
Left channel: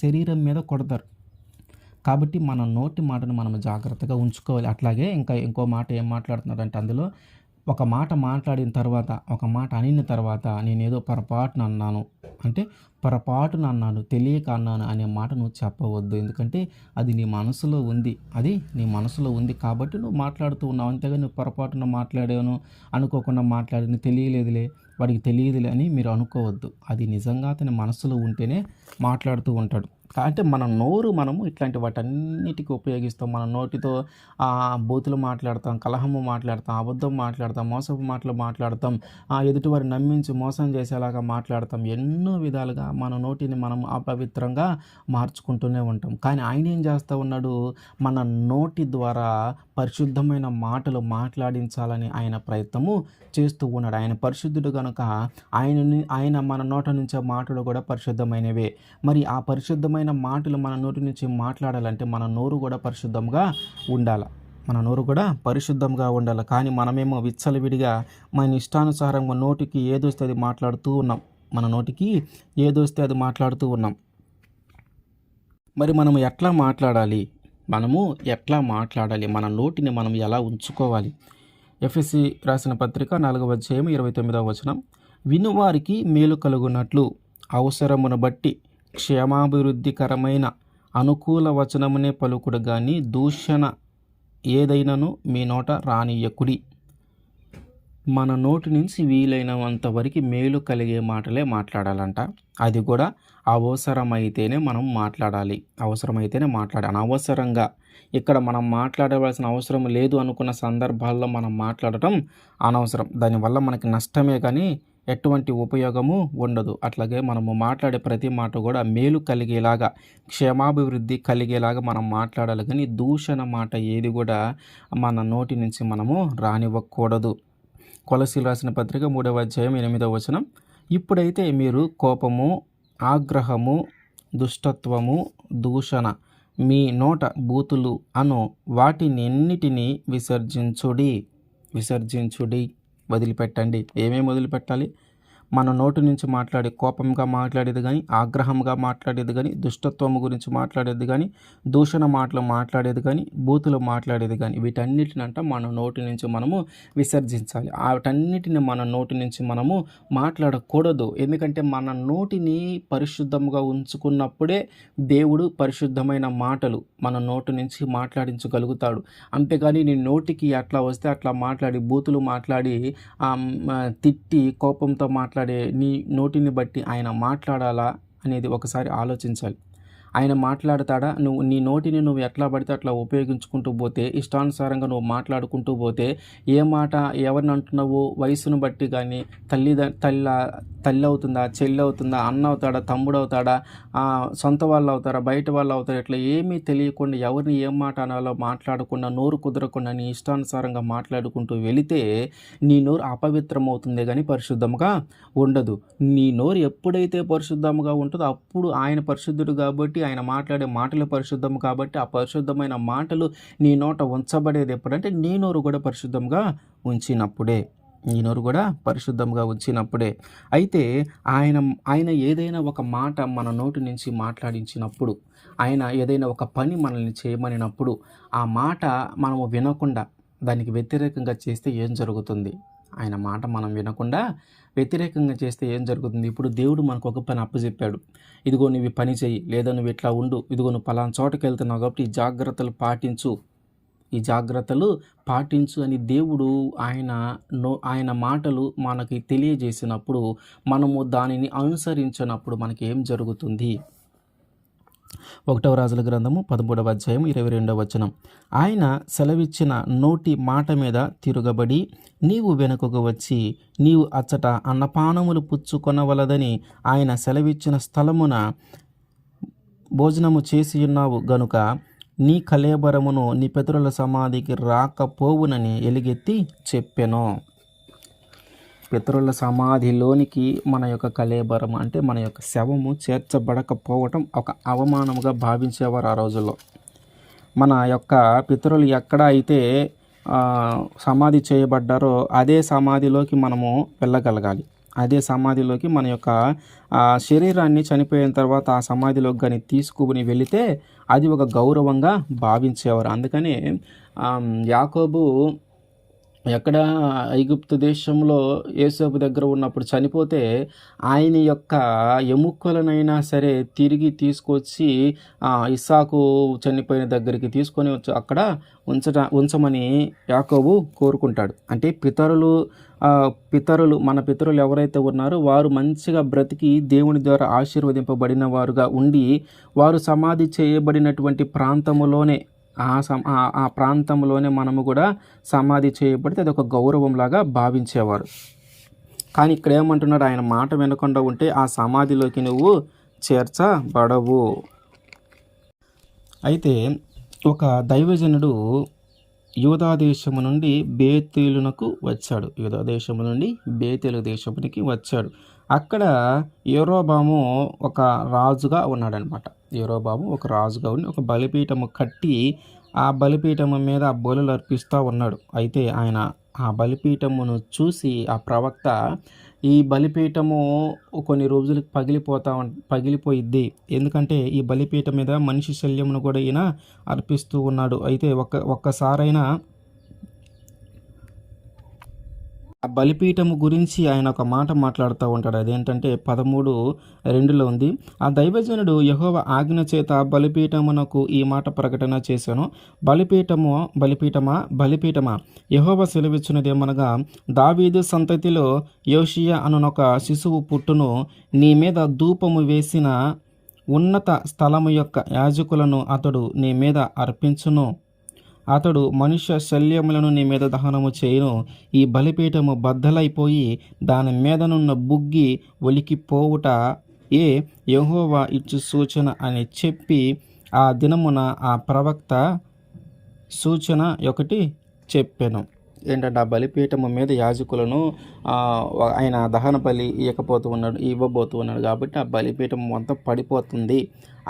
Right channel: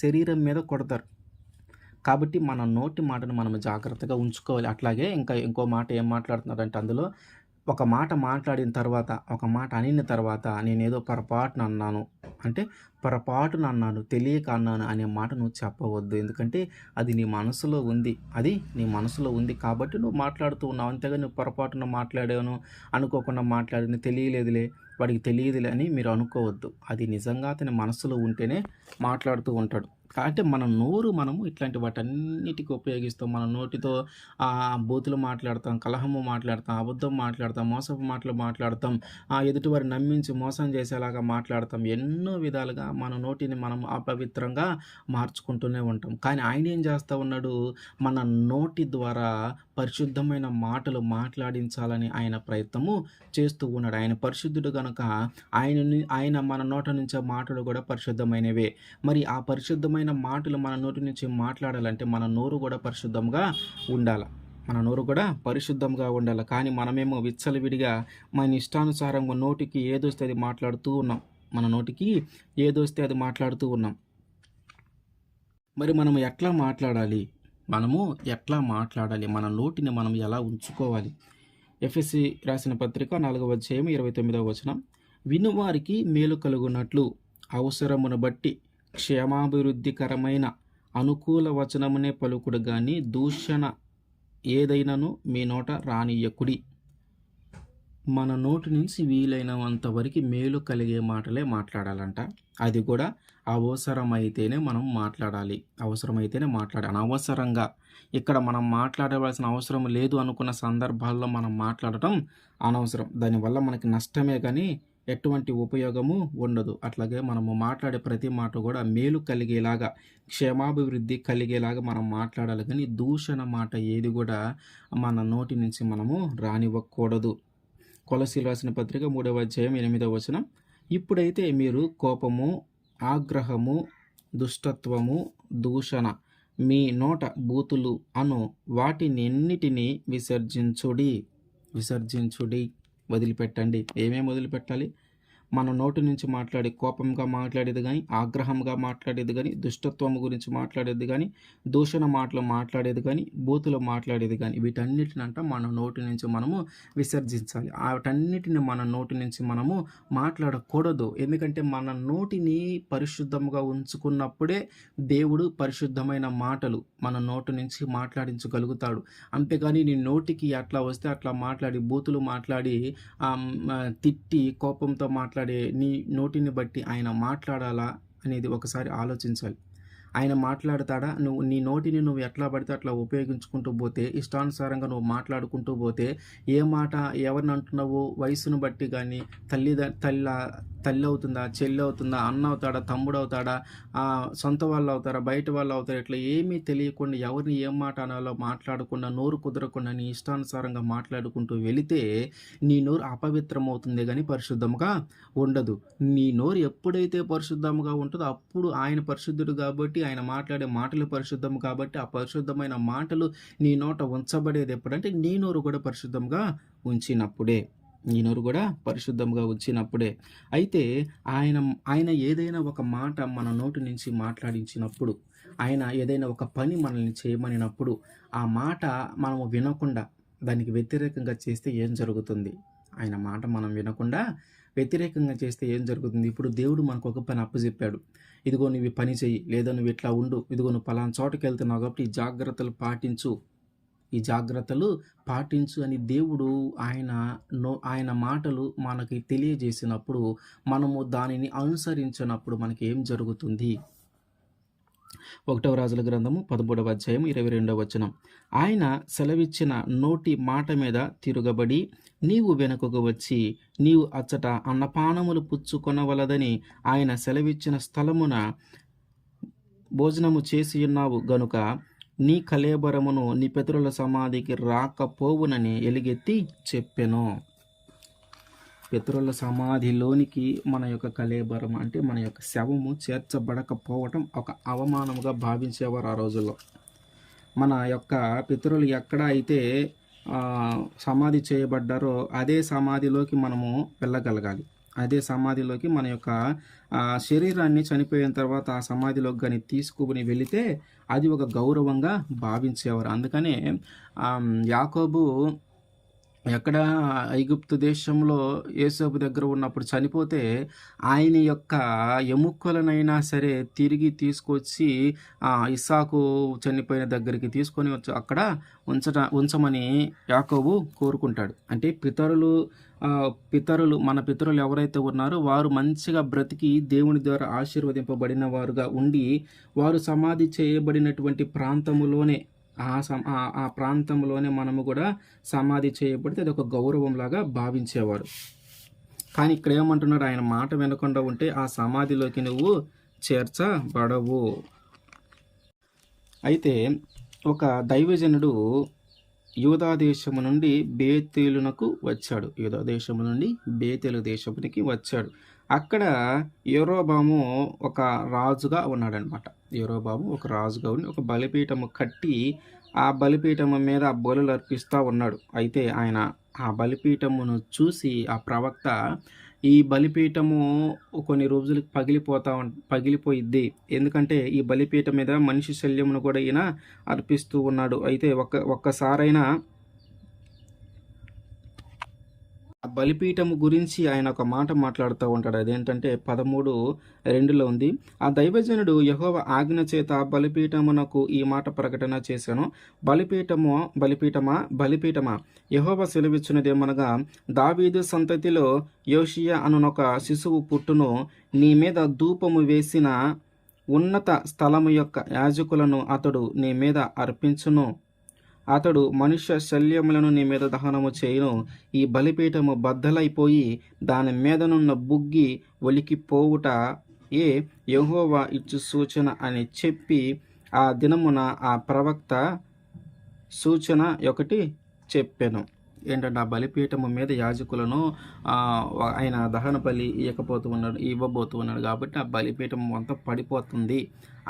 శరీరం మీద కొడతారు. కాబట్టి మన నోటి మాటను మనం జాగ్రత్తగా ఉంచుకోవాలి. అట్లాగే ఇంకో మాట ఏం మాట్లాడుతున్నారంటే అందులో, ఒక మాట మాట్లాడిన తర్వాత, ఒక మాట అనిన తర్వాత నేనేదో పొరపాటున అన్నాను, తెలియక అన్నాను అనే మాట నువ్వు చెప్పవద్దు. ఎందుకంటే అది నీ మనసులో ఉంది కాబట్టి నువ్వు మాట్లాడుతూ ఉన్నావు. అంతేగా నువ్వు పొరపాటున మాట్లాడాను, అనుకోకుండా మాట్లాడిన, తెలియలేదులే, వాడికి తెలియదులే అని మీరు అనుకోవద్దు. అది నిజంగా అతని మనసులో ఉంటేనే మాట్లాడుతూ ఉంటాడు. అంటే మన నోరు మనము ఇట్లాంటి వాటన్నిటికి ఉపయోగిస్తాం. మన నోటితో బూతులు మాట్లాడతాం, కలహము మాట్లాడతాం, అబద్ధం మాట్లాడతాం, మోసపు మాటలు మాట్లాడతాం, ఎదుటివారిని నమ్మించి మోసం చేసేలాగా మాట్లాడతాం. ఎన్నో విధాలుగా మన నోటిని మనం అపవిత్రంగా మార్చుకుంటూనే ఉంటాం. కానీ ఆయన ఏం చేస్తూ ఉన్నాడు, మన నోటి ద్వారా పరిశుద్ధమైన మాటలు మాట్లాడించాలని ఆయన ప్రయత్నము చేస్తూ ఉన్నాడు. ఆయన పరిశుద్ధుడు కనుక ఆయన మన నోట నుంచే మాటలు కూడా పరిశుద్ధమైనవే. మరి ఆ పరిశుద్ధమైన మాటలు మన నోటి నుంచి మాట్లాడాలంటే మన నోరు కూడా పరిశుద్ధంగా ఉండాలి. కానీ మనమేమో విచ్చలవిడిగా మన ఇష్టానుసారంగా నోటికి ఏదొస్తే అది మాట్లాడుతూ ఉన్నాం. మరి మనము ఎట్లా మాట్లాడాలి? మన నోటిని మనం ఎలా ఉంచుకోవాలి? ఎఫెసీ రాసిన పత్రిక 4వ అధ్యాయం 29వ వచనం, వినువారికి మేలు కలుగునట్లు అవసరమును బట్టి క్షేమాభివృద్ధికరమైన అనుకూల వచనమునే పలుకుడు గాని దూషణ ఏదైనను మీ నోట రానియ్యకుడి. మన నోటి నుంచి వీలైనంత వరకు మేలు కలిగే మాటలే మాట్లాడాలంట. అది కూడా అవసరమైతేనే మనం మాట్లాడాలి. అనవసరంగా ఇక్కడ మనం మాట్లాడవలసిన అవసరం లేదు అనుకున్న సందర్భాల్లో మనం మాట్లాడటం అనవసరం. దానివల్ల మనకి నష్టమే కానీ ఎటువంటి ఉపయోగము ఉండదు. అట్లాగే మనము మాట్లాడే ప్రతి మాట కూడా మేలు కలిగేలాగా, క్షేమాభివృద్ధి కలిగేలాగా మనం మాట్లాడాలి. కానీ దూషణ మాట ఏది కూడా మన నోటి నుంచి మనము రానివ్వకూడదు. కొలసీలు రాసిన పత్రిక 3వ అధ్యాయం 8వ వచనం, ఇప్పుడైతే మీరు కోపము, ఆగ్రహము, దుష్టత్వము, దూషణ, మీ నోట బూతులు అను వాటినన్నిటినీ విసర్జించుడి. వదిలిపెట్టండి. ఏమేమి వదిలిపెట్టాలి? మన నోటి నుంచి మాట్లాడే కోపంగా మాట్లాడేది కానీ, ఆగ్రహంగా మాట్లాడేది కానీ, దుష్టత్వము గురించి మాట్లాడేది కానీ, దూషణ మాటలు మాట్లాడేది కానీ, బూతులు మాట్లాడేది కానీ, వీటన్నిటినంట మన నోటి నుంచి మనము విసర్జించాలి. వాటన్నిటిని మన నోటి నుంచి మనము మాట్లాడకూడదు. ఎందుకంటే మన నోటిని పరిశుద్ధంగా ఉంచుకున్నప్పుడే దేవుడు పరిశుద్ధమైన మాటలు మన నోటి నుంచి మాట్లాడించగలుగుతాడు. అంతేగాని నీ నోటికి అట్లా వస్తే అట్లా మాట్లాడి, బూతులు మాట్లాడి, తిట్టి, కోపంతో మాట్లాడే నీ నోటిని బట్టి ఆయన మాట్లాడాలా అనేది ఒకసారి ఆలోచించాలి. ఆయన మాట్లాడతాడా? నీ నోటిని నువ్వు ఎట్లా పడితే అట్లా ఉపయోగించుకుంటూ పోతే, ఇష్టానుసారంగా నువ్వు మాట్లాడుకుంటూ పోతే, ఏ మాట ఎవరిని అంటున్నావు వయసును బట్టి గానీ, తల్లి అవుతుందా? చెల్లి అవుతుందా? అన్న అవుతాడా? తమ్ముడు అవుతాడా? సొంత వాళ్ళు అవుతారా? బయట వాళ్ళు అవుతారా? ఇట్లా ఏమీ తెలియకుండా ఎవరిని ఏం మాట అనాలో మాట్లాడకుండా, నోరు కుదరకుండా నీ ఇష్టానుసారంగా మాట్లాడుకుంటూ వెళితే, నీ నోరు అపవిత్రమవుతుందే గానీ పరిశుద్ధముగా ఉండదు. నీ నోరు ఎప్పుడైతే పరిశుద్ధముగా ఉంటదో అప్పుడు ఆయన పరిశుద్ధుడు కాబట్టి, ఆయన మాట్లాడే మాటలు పరిశుద్ధము కాబట్టి, ఆ పరిశుద్ధమైన మాటలు నీ నోట ఉంచబడేది ఎప్పుడంటే, నీ నోరు కూడా పరిశుద్ధంగా ఉంచినప్పుడే. నీ నోరు కూడా పరిశుద్ధంగా ఉంచినప్పుడే. అయితే ఆయన ఆయన ఏదైనా ఒక మాట మన నోటి నుంచి మాట్లాడించినప్పుడు, ఆయన ఏదైనా ఒక పని మనల్ని చేయమనినప్పుడు, ఆ మాట మనము వినకుండా దానికి వ్యతిరేకంగా చేస్తే ఏం జరుగుతుంది? ఆయన మాట మనం వినకుండా వ్యతిరేకంగా చేస్తే ఏం జరుగుతుంది? ఇప్పుడు దేవుడు మనకు ఒక పని అప్పజెప్పాడు. ఇదిగో నువ్వు ఈ పని చెయ్యి, లేదా నువ్వు ఇట్లా ఉండు, ఇదిగో నువ్వు పలానా చోటకెళ్తున్నావు కాబట్టి ఈ జాగ్రత్తలు పాటించు, ఈ జాగ్రత్తలు పాటించు అని దేవుడు ఆయన మాటలు మనకి తెలియజేసినప్పుడు, మనము దానిని అనుసరించినప్పుడు మనకేం జరుగుతుంది? 1 రాజుల గ్రంథము 13వ అధ్యాయం 22వ వచనం. ఆయన సెలవిచ్చిన నోటి మాట మీద తిరుగబడి నీవు వెనుకకు వచ్చి నీవు అచ్చట అన్నపానములు పుచ్చుకొనవలదని ఆయన సెలవిచ్చిన స్థలమున భోజనము చేసి ఉన్నావు గనుక నీ కళేబరమును నీ పితరుల సమాధికి రాకపోవునని ఎలుగెత్తి చెప్పెను. పితరుల సమాధిలోనికి మన యొక్క కళేబరం అంటే మన యొక్క శవము చేర్చబడకపోవటం ఒక అవమానముగా భావించేవారు ఆ రోజుల్లో. మన యొక్క పితరులు ఎక్కడ అయితే సమాధి చేయబడ్డారో అదే సమాధిలోకి మనము వెళ్ళగలగాలి. అదే సమాధిలోకి మన యొక్క శరీరాన్ని చనిపోయిన తర్వాత ఆ సమాధిలోకి కానీ తీసుకుని వెళితే అది ఒక గౌరవంగా భావించేవారు. అందుకనే యాకోబు ఎక్కడ ఐగుప్తు దేశంలో యోసేపు దగ్గర ఉన్నప్పుడు చనిపోతే ఆయన యొక్క ఎముకలనైనా సరే తిరిగి తీసుకొచ్చి ఇస్సాకు చనిపోయిన దగ్గరికి తీసుకొని వచ్చి అక్కడ ఉంచమని యాకోబు కోరుకుంటాడు. అంటే మన పితరులు ఎవరైతే ఉన్నారో వారు మంచిగా బ్రతికి దేవుని ద్వారా ఆశీర్వదింపబడిన వారుగా ఉండి వారు సమాధి చేయబడినటువంటి ప్రాంతములోనే ఆ ప్రాంతంలోనే మనము కూడా సమాధి చేయబడితే అది ఒక గౌరవంలాగా భావించేవారు. కానీ ఇక్కడ ఏమంటున్నాడు? ఆయన మాట వినకుండా ఉంటే ఆ సమాధిలోకి నువ్వు చేర్చబడవు. అయితే ఒక దైవజనుడు యూదా దేశము నుండి బేతేలునకు వచ్చాడు. యూదా దేశము నుండి బేతేలు దేశమునికి వచ్చాడు. అక్కడ యెరోబాము ఒక రాజుగా ఉన్నాడనమాట. యెరోబాము ఒక రాజుగా ఉండి ఒక బలిపీఠము కట్టి ఆ బలిపీఠము మీద ఆ బలులు అర్పిస్తూ ఉన్నాడు. అయితే ఆయన ఆ బలిపీఠమును చూసి ఆ ప్రవక్త ఈ బలిపీఠము కొన్ని రోజులకు పగిలిపోయిద్ది, ఎందుకంటే ఈ బలిపీఠం మీద మనిషి శల్యమును కూడా ఈయన అర్పిస్తూ ఉన్నాడు. అయితే ఒక్కసారైనా ఆ బలిపీఠము గురించి ఆయన ఒక మాట మాట్లాడుతూ ఉంటాడు. అదేంటంటే 13:2 ఉంది. ఆ దైవజనుడు యెహోవా ఆజ్ఞ చేత బలిపీఠమునకు ఈ మాట ప్రకటన చేశాను. బలిపీఠమా యెహోవా సెలవిచ్చినదేమనగా, దావీదు సంతతిలో యోషియా అనునొక శిశువు పుట్టును, నీ మీద ధూపము వేసిన ఉన్నత స్థలము యొక్క యాజకులను అతడు నీ మీద అర్పించును. అతడు మనుష్య శల్యములను నీ మీద దహనము చేయును. ఈ బలిపీఠము బద్దలైపోయి దాని మీదనున్న బుగ్గి ఒలికిపోవుట యెహోవా ఇచ్చు సూచన అని చెప్పి ఆ దినమున ఆ ప్రవక్త సూచన ఒకటి చెప్పెను. ఏంటంటే ఆ బలిపీఠము మీద యాజకులను ఆయన దహన బలి ఇవ్వబోతూ ఉన్నాడు కాబట్టి ఆ బలిపీఠం అంతా పడిపోతుంది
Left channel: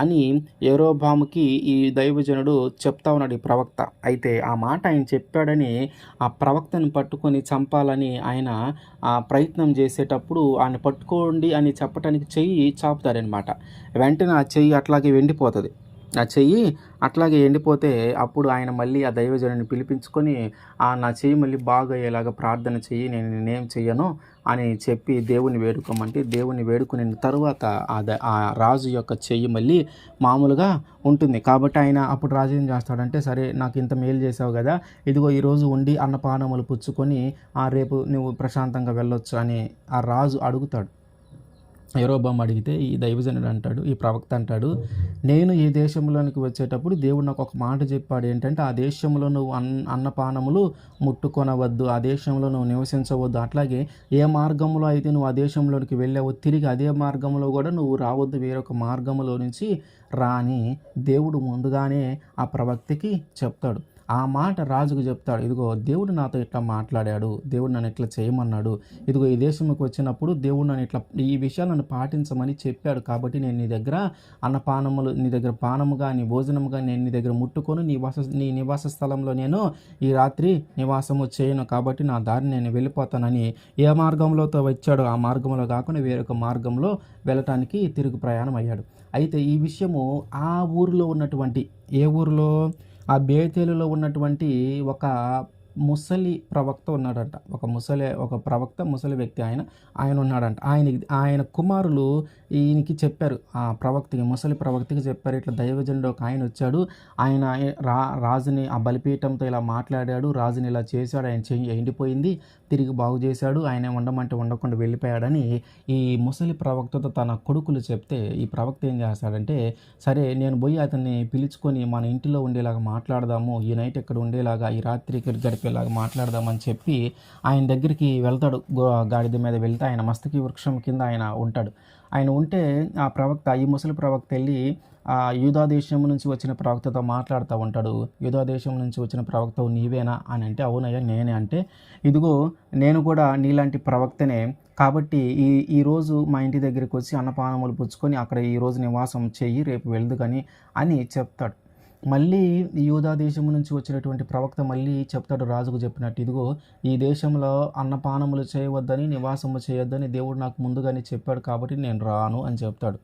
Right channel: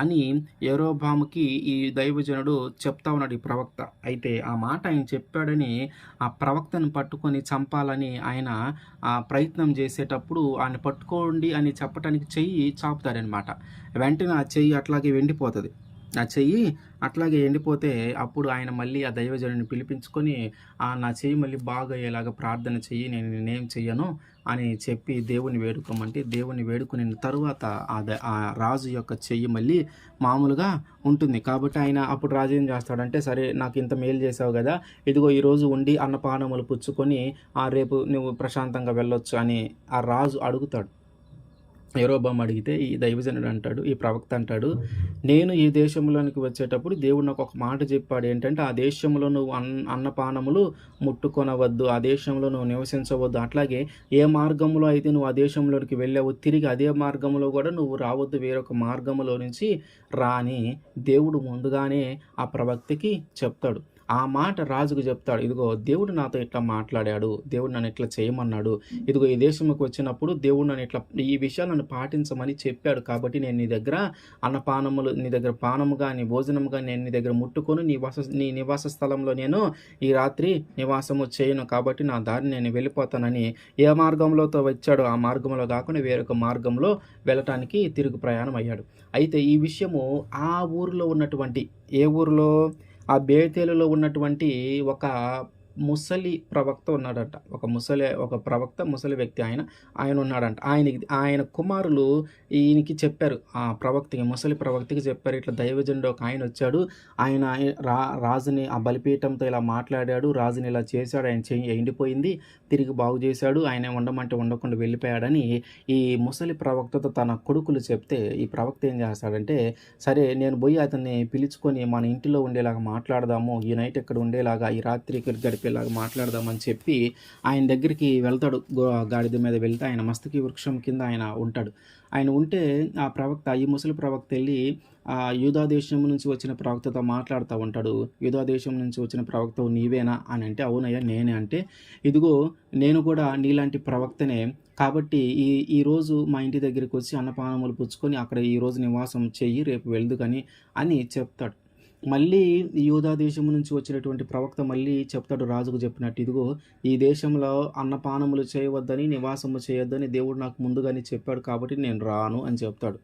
అని యెరోబాముకి ఈ దైవజనుడు చెప్తా ఉన్నాడు, ఈ ప్రవక్త. అయితే ఆ మాట ఆయన చెప్పాడని ఆ ప్రవక్తను పట్టుకొని చంపాలని ఆయన ప్రయత్నం చేసేటప్పుడు ఆయన పట్టుకోండి అని చెప్పడానికి చెయ్యి చాపుతాడనమాట. వెంటనే ఆ చెయ్యి అట్లాగే వెండిపోతుంది. ఆ చెయ్యి అట్లాగే ఎండిపోతే అప్పుడు ఆయన మళ్ళీ ఆ దైవజనుని పిలిపించుకొని నా చెయ్యి మళ్ళీ బాగా అయ్యేలాగా ప్రార్థన చెయ్యి, నేను నేనేం చెయ్యను అని చెప్పి దేవుని వేడుకోమంటే దేవుని వేడుకుని తరువాత ఆ రాజు యొక్క చెయ్యి మళ్ళీ మామూలుగా ఉంటుంది. కాబట్టి ఆయన అప్పుడు రాజు ఏం చేస్తాడంటే, సరే నాకు ఇంత మేలు చేసావు కదా, ఇదిగో ఈరోజు ఉండి అన్నపానములు పుచ్చుకొని రేపు నువ్వు ప్రశాంతంగా వెళ్ళొచ్చు అని ఆ రాజు అడుగుతాడు. యరొబాము అడిగితే ఈ దైవజనుడు అంటాడు, ఈ ప్రవక్త అంటాడు, నేను ఈ దేశంలోనికి వచ్చేటప్పుడు దేవుడు నాకు ఒక మాట చెప్పాడు. ఏంటంటే, ఆ దేశంలో నువ్వు అన్నపానములు ముట్టుకొనవద్దు, ఆ దేశంలో నువ్వు నివసించవద్దు. అట్లాగే ఏ మార్గంలో అయితే నువ్వు ఆ దేశంలోనికి వెళ్ళావో తిరిగి అదే మార్గంలో కూడా నువ్వు రావద్దు, వేరొక మార్గంలో నుంచి రా అని దేవుడు ముందుగానే ఆ ప్రవక్తకి చెప్తాడు. ఆ మాట రాజుకు చెప్తాడు. ఇదిగో దేవుడు నాతో ఇట్లా మాట్లాడాడు, దేవుడు నన్ను ఇట్లా చేయమన్నాడు, ఇదిగో ఈ దేశంకి వచ్చినప్పుడు దేవుడు నన్ను ఇట్లా ఈ విషయాలు నన్ను పాటించమని చెప్పాడు. కాబట్టి నేను నీ దగ్గర అన్నపానములు, నీ దగ్గర పానముగా, నీ భోజనముగా నేను నీ దగ్గర ముట్టుకొని నీ నివాస స్థలంలో నేను ఈ రాత్రి నివాసము చేయను. కాబట్టి నా దారి నేను వెళ్ళిపోతానని ఏ మార్గంలోతో వచ్చాడో ఆ మార్గంలో కాకుండా వేరొక మార్గంలో వెళ్ళటానికి తిరుగు ప్రయాణం అయ్యాడు. అయితే ఈ విషయము ఆ ఊరిలో ఉన్నటువంటి, ఏ ఊరిలో, ఆ బేతేలులో ఉన్నటువంటి ఒక ముసలి ప్రవక్త ఉన్నాడంట. ఒక ప్రవక్త, ముసలి వ్యక్తి ఆయన ఉన్నాడంట. ఆయన కుమారులు ఈయనకి చెప్పారు, ఆ ప్రవక్తకి, ముసలి ప్రవక్తకి చెప్పారు, ఇట్లా దైవజనుడు ఒక ఆయన వచ్చాడు, ఆయన రాజుని ఆ బలిపీఠంతో ఇలా మాట్లాడాడు, రాజుని ఇలా చేశాడు, ఆయన చెయ్యి ఎండిపోయింది, తిరిగి బాగు చేశాడు, ఆయన ఉండమంటే ఉండకుండా వెళ్ళిపోయాడని ఈ ముసలి ప్రవక్తతో తన కొడుకులు చెప్తే, ఈ ప్రవక్త ఏం చేస్తాడంటే, సరే నేను పోయి అతన్ని పిలుచుకొని మన ఇంటిలో ఉండేలాగా మాట్లాడదాము, ఈ నైట్ ఇక్కడ ఉండేలాగా, ఈ రాత్రికి గడిపేలాగా మాట్లాడదామని చెప్పి ఆయన దగ్గరికి వెళ్తాడు. గాడిద మీద వెళ్తే ఆయన మస్తకి వృక్షం కింద ఆయన ఉంటాడు. ఆయన ఉంటే ఆ ప్రవక్త, ఈ ముసలి ప్రవక్త వెళ్ళి యూదా దేశం నుంచి వచ్చిన ప్రవక్తతో మాట్లాడుతూ ఉంటాడు. యూదా దేశం నుంచి వచ్చిన ప్రవక్తవు నీవేనా అని అంటే, అవునయ్యా నేనే. అంటే, ఇదిగో నేను కూడా నీలాంటి ప్రవక్తనే, కాబట్టి ఈరోజు మా ఇంటి దగ్గరికి వచ్చి అన్నపానములు పుచ్చుకొని అక్కడ ఈరోజు నివాసం చెయ్యి, రేపు వెళ్దుకని అని చెప్తాడు. మళ్ళీ యూదా దేశం నుంచి వచ్చినటువంటి ప్రవక్త మళ్ళీ చెప్తాడు రాజుకు చెప్పినట్టు, ఇదిగో ఈ దేశంలో అన్నపానములు చేయవద్దని, నివాసము చేయొద్దని దేవుడు నాకు ముందుగానే చెప్పాడు, కాబట్టి నేను రాను అని చెప్తాడు.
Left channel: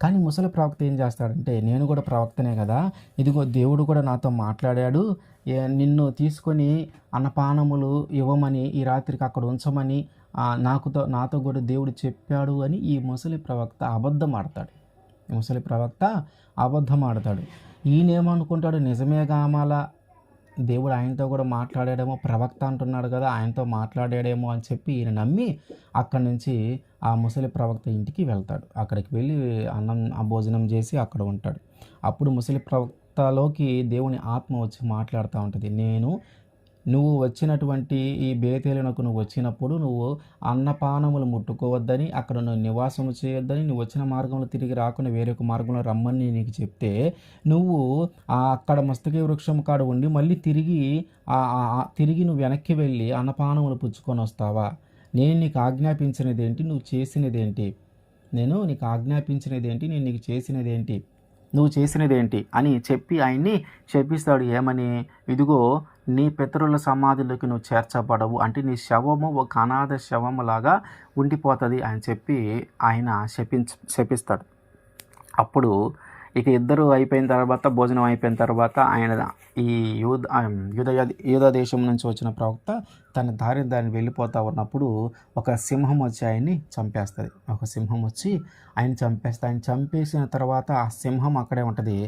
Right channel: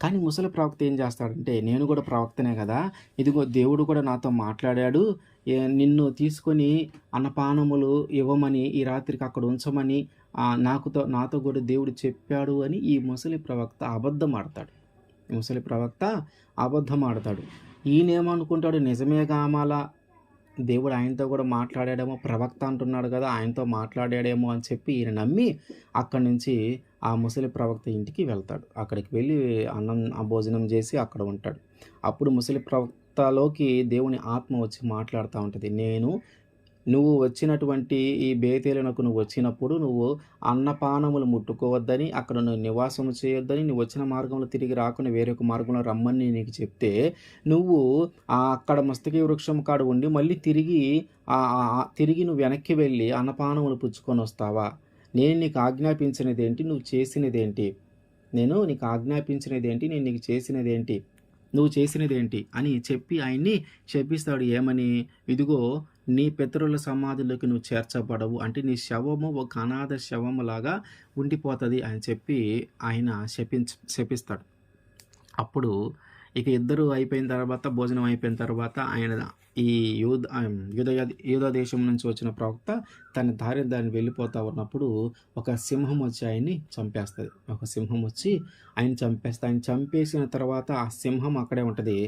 కానీ ముసలి ప్రవక్త ఏం చేస్తాడంటే, నేను కూడా ప్రవక్తనే కదా, ఇదిగో దేవుడు కూడా నాతో మాట్లాడాడు, నిన్ను తీసుకొని అన్నపానములు ఇవ్వమని, ఈ రాత్రికి అక్కడ ఉంచమని నాతో కూడా దేవుడు చెప్పాడు అని ఈ ముసలి ప్రవక్త అబద్ధం ఆడతాడు. ఈయనేమనుకుంటాడు, నిజమే కామాల, దేవుడు ఆయనతో కూడా మాట్లాడాడేమో, ప్రవక్త అంటున్నాడు కదా, ఆయనతో మాట్లాడాడేమో అని చెప్పి ఈయన నమ్మి అక్కడి నుంచి ఆ ముసలి ప్రవక్త ఇంటికి వెళ్తాడు. అక్కడికి వెళ్ళి భోజనం చేసి అక్కడ ఉంటాడు. అప్పుడు ముసలి ప్రవక్తలోకి దేవుని ఆత్మ వచ్చి మాట్లాడుతూ ఉంటుంది, నువ్వు వచ్చినటువంటి ఈ బేతేలునకు నువ్వు వచ్చినప్పుడు నువ్వు అన్నపానములు ముట్టుకోవద్దని, అక్కడ నువ్వు నివాసం చేయొద్దని, నువ్వు వచ్చిన మార్గంలో తిరిగి రాకుండా వేరొక మార్గంలో రమ్మని నీకు చెప్తే, నువ్వు అక్కడ మస్తకి వృక్షం కాడ ఉండి మళ్ళీ తిరిగి నువ్వు వెనక్కి వెళ్ళి అన్నపానములు పుచ్చుకొని వస్తావా? నేను నీకు ఆజ్ఞాపించినదేంటి, నువ్వు చేసినదేంటి? నేను నీకు ఆజ్ఞాపించినదేంటి, నేను నీకు చేసినదేంటి, నువ్వు చేసినదేంటి అని చెప్పి ఆయన్ని శపిస్తాడు. ఏమని? ఇదిగో నీ పితరుల సమాధులకి నువ్వు చేర్చబడవు, అంటే నీ శవము ఒక అనాథ శవములాగా ఉండిపోతుంది అని చెప్పి ఆయన శపిస్తాడు. అప్పుడు ఇక ఇద్దరు అయిపోయిన తర్వాత, భోజనం అయిపోయిన తర్వాత, ఆయన ఈ యూదా దేశం నుంచి వచ్చిన ప్రవక్త తన దారిని వెళ్ళిపోతూ ఉన్నప్పుడు ఒక సింహం వచ్చి ఆయన్ని చంపేస్తుంది. ఒక సింహం వచ్చి ఆయన చంపేసిన తర్వాత ఆ సింహం అక్కడే ఉంటుంది.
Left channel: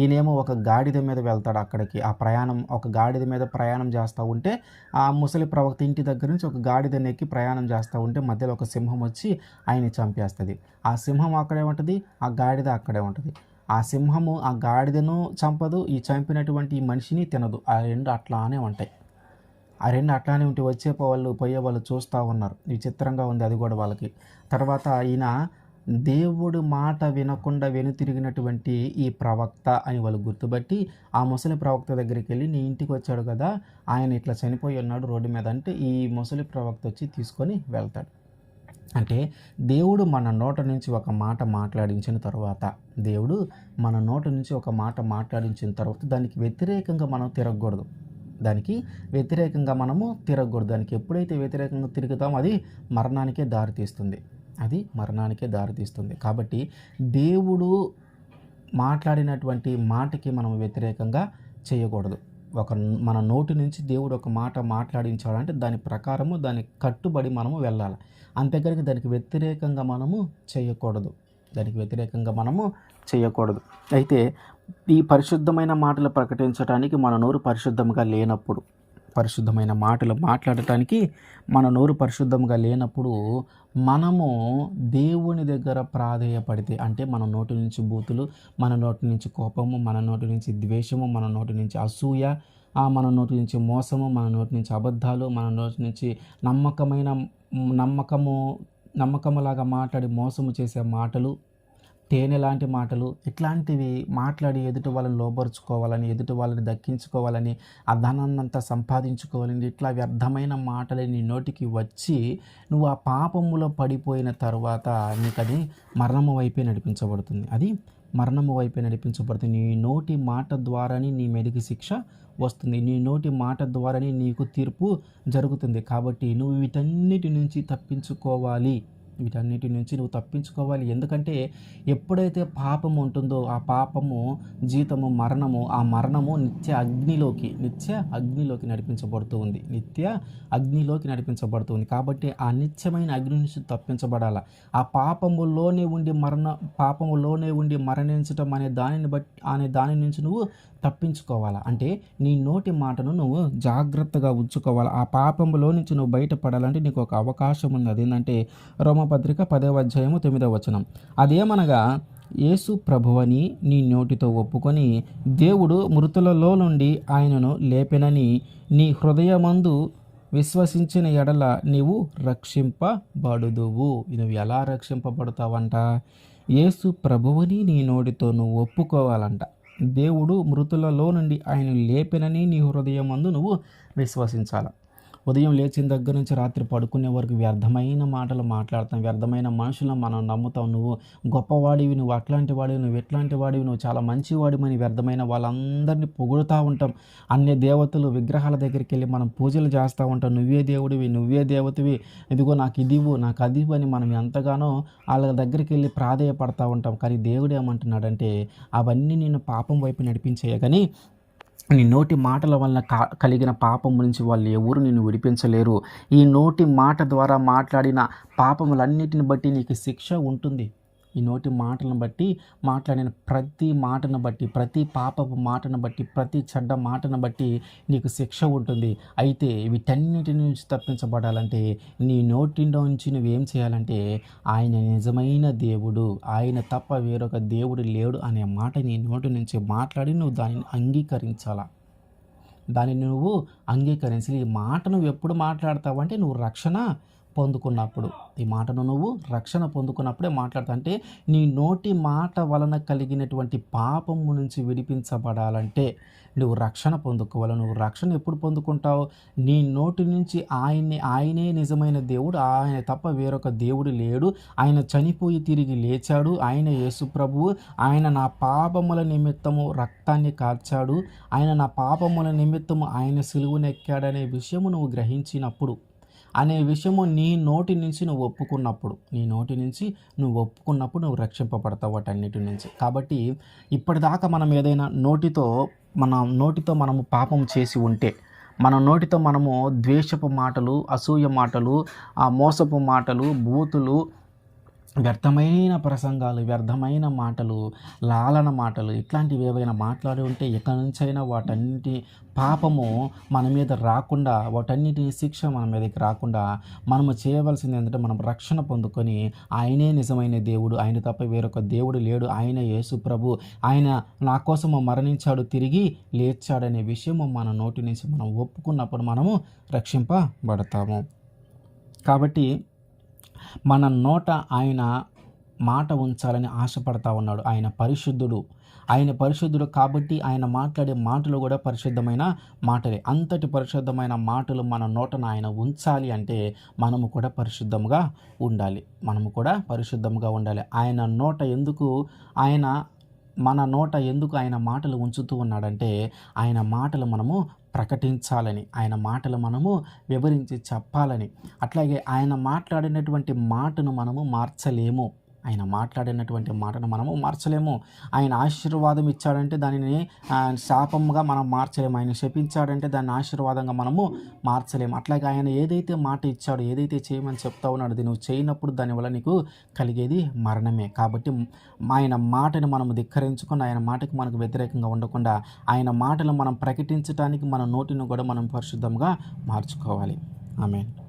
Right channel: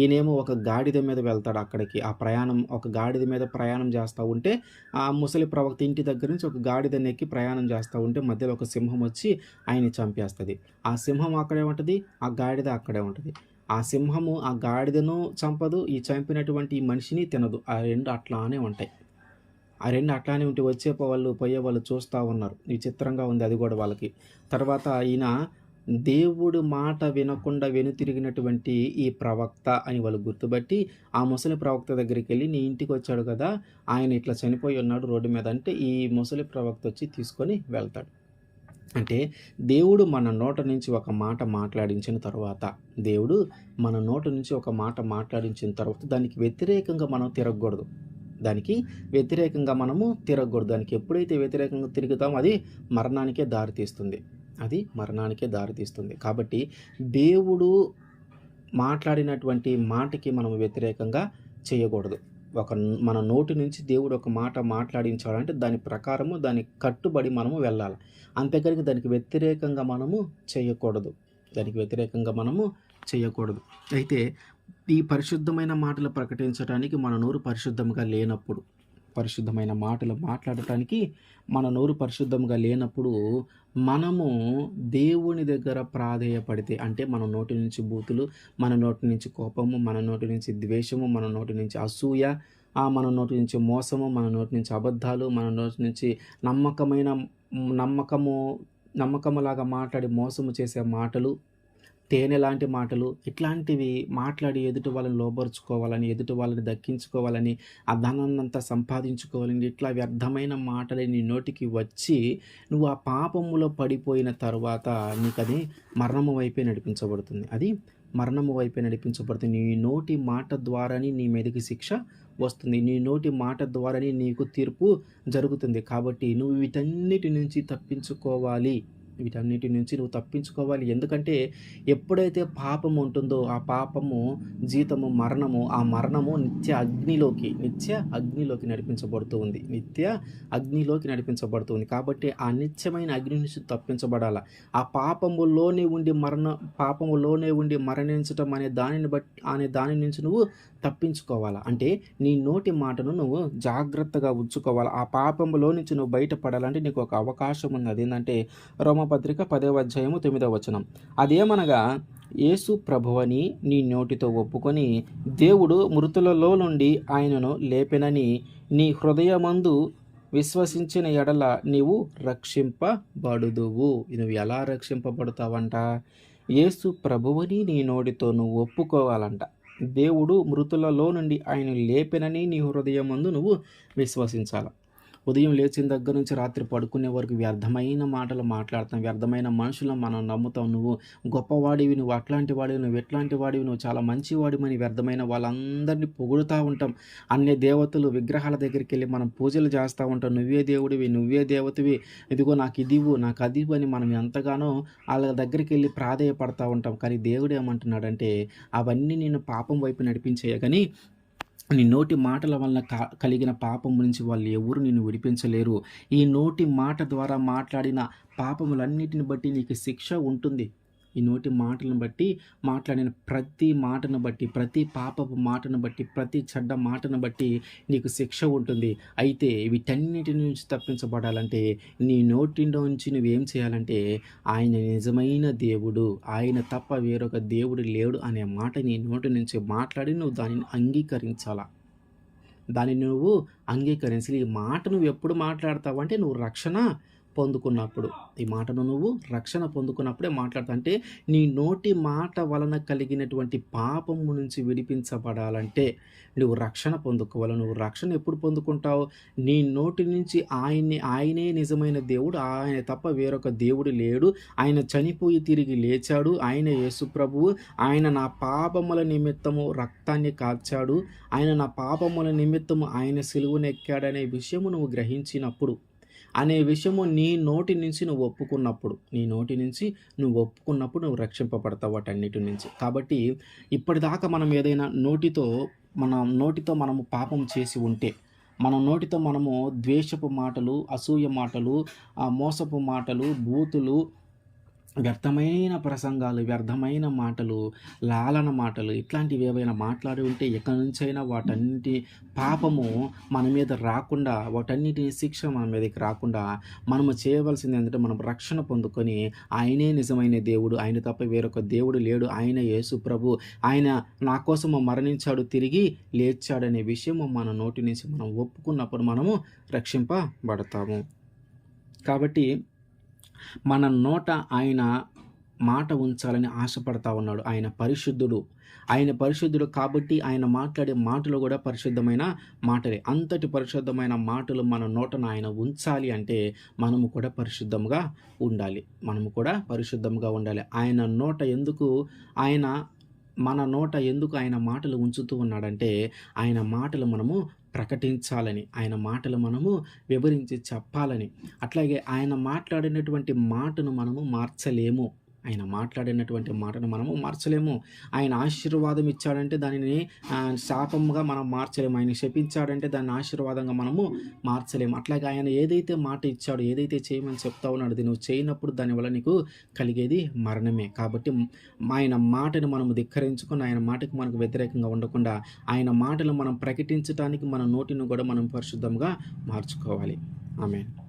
ఈయనేమో ఒక గాడిద మీద వెళ్తాడు అక్కడికి. ఒక గాడిద మీద ప్రయాణం చేస్తూ ఉంటే, ఆ ముసలి ప్రవక్త ఇంటి దగ్గర నుంచి ఒక గాడిద నెక్కి ప్రయాణం చేస్తూ ఉంటే మధ్యలో ఒక సింహం వచ్చి ఆయన్ని చంపేస్తుంది. ఆ సింహం అక్కడే ఉంటుంది, ఆ గాడిద అక్కడే ఉంటుంది. ఆ సింహము ఆ గాడిదను చంపదు, ఈ చంపినటువంటి ఈ మనిషిని తినదు. ఆ రెండు అట్లానే ఉంటాయి. ఉంటే పోయేవాళ్ళు చూస్తూ ఉన్నారు. విచిత్రంగా ఉంది అది కూడా వాళ్ళకి. తర్వాత ఈయన దేవుడు మాట వినకుండా వెనుతిరిగినటువంటి ఈ ప్రవక్త అని వాళ్ళు గుర్తుపట్టి ఆ ముసలి ప్రవక్త దగ్గరికి వెళ్ళి, నీ ఇంటికి వచ్చాడు కదా, ఆయన ఇట్లా చనిపోయి ఉన్నాడు రోడ్డు మీద అంటే, ఈ ముసలి ప్రవక్త వచ్చి తీసుకొని వెళ్తాడు. అంటే దేవుడు మన నోట నుంచి ఒక మాట మాట్లాడించిన తర్వాత, దానికి వ్యతిరేకంగా మనం తిరగకూడదు. దానికి ఎప్పుడైతే వ్యతిరేకంగా తిరుగుతామో అది మరణానికే దారితీస్తుంది. కాబట్టి దేవుడు మాట్లాడినటువంటి మాటకి మనం వ్యతిరేకంగా చేయకూడదు. మన నోటి నుంచి దేవుడు ఒక మాట మాట్లాడించాలంటే దాని ప్రకారము, దానికి కట్టుబడి మనము వెళ్ళాలి. అంతేకాని దానికి వ్యతిరేకంగా మనము చేయకూడదు. అయితే ఈ పరిశుద్ధమైన మాటలు ప్రకటించడానికి మన నోరు పరిశుద్ధంగా లేనప్పుడు, పరిశుద్ధమైన మాటలు మాట్లాడటానికి మన నోరు పరిశుద్ధంగా లేనప్పుడు మనము దేవుని దగ్గర ప్రాధేయపడితే, అంటే మన నోటి నుంచి బూతులు, మన నోటి నుంచి కోపము, మన నోటి నుంచి ద్వేషము, మన నోటి నుంచి అసూయ, మన నోటి నుంచి మోసము, మన నోటి నుంచి అబద్ధాలు, మన నోటి నుంచి నమ్మకమైన నమ్మకము నమ్మకములాగా మాట్లాడి మోసము చేసే మాటలు, తేనె లాంటి మాటలు, ఇట్లాంటివి మాట్లాడి ఎదుటి వాళ్ళని లోబరుచుకోవాలని, ఎదుటి వాళ్ళని దక్కించుకోవాలని, ఆ ధనాన్నంతా సంపాదించుకోవాలని, ఇట్లా వ్యర్థమైన మాటలు నీ నోటికి వచ్చి నువ్వు ఆ పాపములో పడిపోయిన తర్వాత నీకది మరణము వైపే నడిపించబడుతుంది. అది మరణము వైపే నడిపించబడుతుంది. నీ నోటి మాట ద్వారానే నీ మీదకి శిక్ష వస్తుంది. నీ నోటి మాట ద్వారానే నీకు తీర్పు జరుగుతుంది. కాబట్టి నువ్వు వీటన్నిటి నుంచి తప్పించుకోవాలి. వీటన్నిటి నుంచి నువ్వు తప్పించుకోవాలి. ఎందుకంటే ఎప్పుడైతే పాపం ఉంటుందో ఆ పాపము జీతము మరణము, ఆ మరణము నిత్య అగ్నిలోకి నడిపించబడుతూ ఉంది. నిత్య అగ్నిలోకి నడిపించబడుతుంది. కాబట్టి ఆ నిత్యమైన అగ్ని నుంచి తప్పించబడాల. ఆ పాపములోనే ఉండి మరణించటం అనే దాని నుంచి నువ్వు తప్పించుకోవాలా. అంటే నీ నోటి మాటను నువ్వు జాగ్రత్తగా ఉంచుకోవాలి. ఆ పాపములో నుంచి నువ్వు బయటపడాలంటే నీకు ఒక అవకాశం ఉంది. అదేంటంటే రోమపత్రిక 10వ అధ్యాయము 9వ వచనం. అదేమనగా, యేసు ప్రభువని నీ నోటితో ఒప్పుకొని దేవుడు మృతులలో నుండి ఆయనను లేపెనని నీ హృదయమందు విశ్వసించిన ఎడల నీవు రక్షింపబడుదువు. నువ్వు ఎలా రక్షింపబడతావంట? యేసు ప్రభువుని నీ నోటితో నువ్వు ఒప్పుకోవాలంట. దేవుడు మృతులలో నుండి ఆయన లేపెనని నీ హృదయమందు నువ్వు విశ్వసించాలి. ఉదయం లేచిన దగ్గర నుంచి రాత్రి పడుకునే వరకు వ్యర్థమైన మాటలు మాట్లాడతాం, వ్యర్థమైన మనుషులను మనం నమ్ముతాం. నువ్వు గొప్పవాడివి, నువ్వు అట్లాంటి వాడివి, నువ్వు ఎట్లాంటి వాడివి, నువ్వు చాలా మంచివాడివని వ్యర్థమైన వాళ్ళందరినీ పొగుడుతూ ఉంటాం. అన్ని దేవతలు విగ్రహాల దగ్గరికి వెళ్ళి మనం పూజలు చేస్తూ ఉంటాం. నువ్వే దేవుడివి, నువ్వే దేవతవి, ఇదిగో నాకు ఇదివు, నాకు అదివు అని మనం ఎంతగానో వాళ్ళ దగ్గరికి వెళ్ళి ప్రాధేయపడతా ఉంటాం. కానీ దేవుడు ఏమంటున్నాడంటే, అవన్నీ నేను పాపం వైపు నడిపించేయ, కానీ నీ నోటి మాటల వలన కలిగిన పాపం నుంచి వాళ్ళు ఎవరు నిన్ను విడిపించలేరు. ఈ నోటి మాట ద్వారా మాట్లాడిన పాపములన్నిటిని బట్టి నీకు శిక్ష ఉంటుంది. ఈ నోటి మాటలను బట్టి మాట్లాడిన ప్రతి మాటను బట్టి, ప్రతి పాపపు మాటను బట్టి, ప్రతి చెడ్డ మాటను బట్టి నీకు శిక్ష ఉంటుంది. అయితే వీటన్నిటి నుంచి తప్పించబడాలంటే నీ నోటిలో నుంచి నువ్వేం చేయాలంటే, ఆయన నిజమైన దేవుడు, ఆయన తప్ప వేరొక దేవుడు లేడు అనే మాట నీ నోటి నుంచి మాట్లాడి నువ్వు దానిని అంగీకరించాలా. దానిని నువ్వు అంగీకరించాలి. ఈ మాట నువ్వు ఎప్పుడు మాట్లాడతావు అంటే, నువ్వు రక్షణ పొందుకున్నప్పుడు. ఈ మాటను నువ్వు రక్షణ పొందుకున్నప్పుడే మాట్లాడతావు. అంటే నీ నోటి మాట వలన కలిగినటువంటి పాపము నుంచి విడిపించబడాలంటే నువ్వు రక్షణ పొందుకోవాలి. నువ్వు రక్షణ ఎప్పుడు పొందుకుంటావు? నీ నోటి నుంచి ఆయనే నిజమైన దేవుడు, ఆయన తప్ప వేరొక దేవుడు లేడు, ఆయన చనిపోయి తిరిగి లేచాడు, ఆయన యేసు ప్రభువు, ఆయన నా పాపముల నిమిత్తము రక్తాన్ని కార్చాడు, ఆయన నా పాపముల నిమిత్తము ఆయన సిలువనెక్కాడనే విషయము నువ్వు గ్రహించినప్పుడు, అనే విషయము నీ నోటి నుంచి నువ్వు ఒప్పుకున్నప్పుడు నువ్వు రక్షింపబడతావు వాటన్నిటి నుంచి. కాబట్టి ఇప్పటిదాకా మనం ఏదైనా నోటితో మనము పాపం చేసి ఉంటే, మన నోటితో మనము ద్వేషపు మాటలు, అసూయ మాటలు, మోసపు మాటలు, బూతులు, వ్యర్థమైన ప్రసంగాలు, వ్యర్థమైన మాటలు, లాలన మాటలు, ఇట్లాంటివి ఏవైనా మాట్లాడి ఉంటే ఎక్కడి నుంచైనా వాటన్నిటి పాపము మన మీద రాకుండా, వాటన్నిటి శిక్ష మన మీదకి రాకుండా మనము చేయవలసింది ఏంటంటే, మనం రక్షణ పొందుకొని ఆయనే నిజమైన దేవుడు, ఆయన తప్ప వేరొక దేవుడు లేడు, ఆయన యేసు ప్రభు, ఆయన నా కోసము మరణించాడు, తిరిగి లేచాడనే విషయము మన నోటి నుంచి మనం ఒప్పుకున్నప్పుడు మనము రక్షింపబడతాము. కాబట్టి మన నోట ఆయన మాట ఉంచాలని ఆశపడతా ఉన్నాడు. ఆయన పరిశుద్ధుడు కాబట్టి ఆయన మాట్లాడే మాటలు కూడా పరిశుద్ధమైన మాటలే. అంతటి పరిశుద్ధమైన మాటలు మన నోటన ఆయన ఉంచాలి అంటే మనము కూడా పరిశుద్ధంగా ఉండాలి. మన నోట ఎందుకు ఆయన మాటలు ఉంచుతూ ఉన్నాడంటే, ఆయన మాటలు మనము ప్రకటించాలని, ఆయన మాటలు మనము వివరించి చెప్పాలని. అట్లాగే ఆయన మాట్లాడినటువంటి మాటను మనము మార్చలేము. ఆయన మాట్లాడినటువంటి మాటను మనము మార్చలేము. ఆయన ఆశీర్వాదం ఇచ్చాడంటే దానిని శాపంగా మనం మార్చలేము. ఆయన శపించాడంటే దాన్ని ఆశీర్వాదంగా మనము మార్చలేము. అట్లాగే ఆయన ఏదైతే మాట ఇచ్చాడో, ఏదైతే చేయమని చెప్తా ఉన్నాడో అది నువ్వు చేయనప్పుడు దానివల్ల నీకు కలిగేది మరణమే. కాబట్టి ఆయన మాటను మనము ధిక్కరించుకొని ఆయన మాటకు మనకు వ్యతిరేకంగా ఉండకుండా ఆయన మాటలు మనం ప్రకటించటానికి మన నోటిని కూడా మనం పరిశుద్ధంగా మార్చుకోవాలి. ఆమేన్.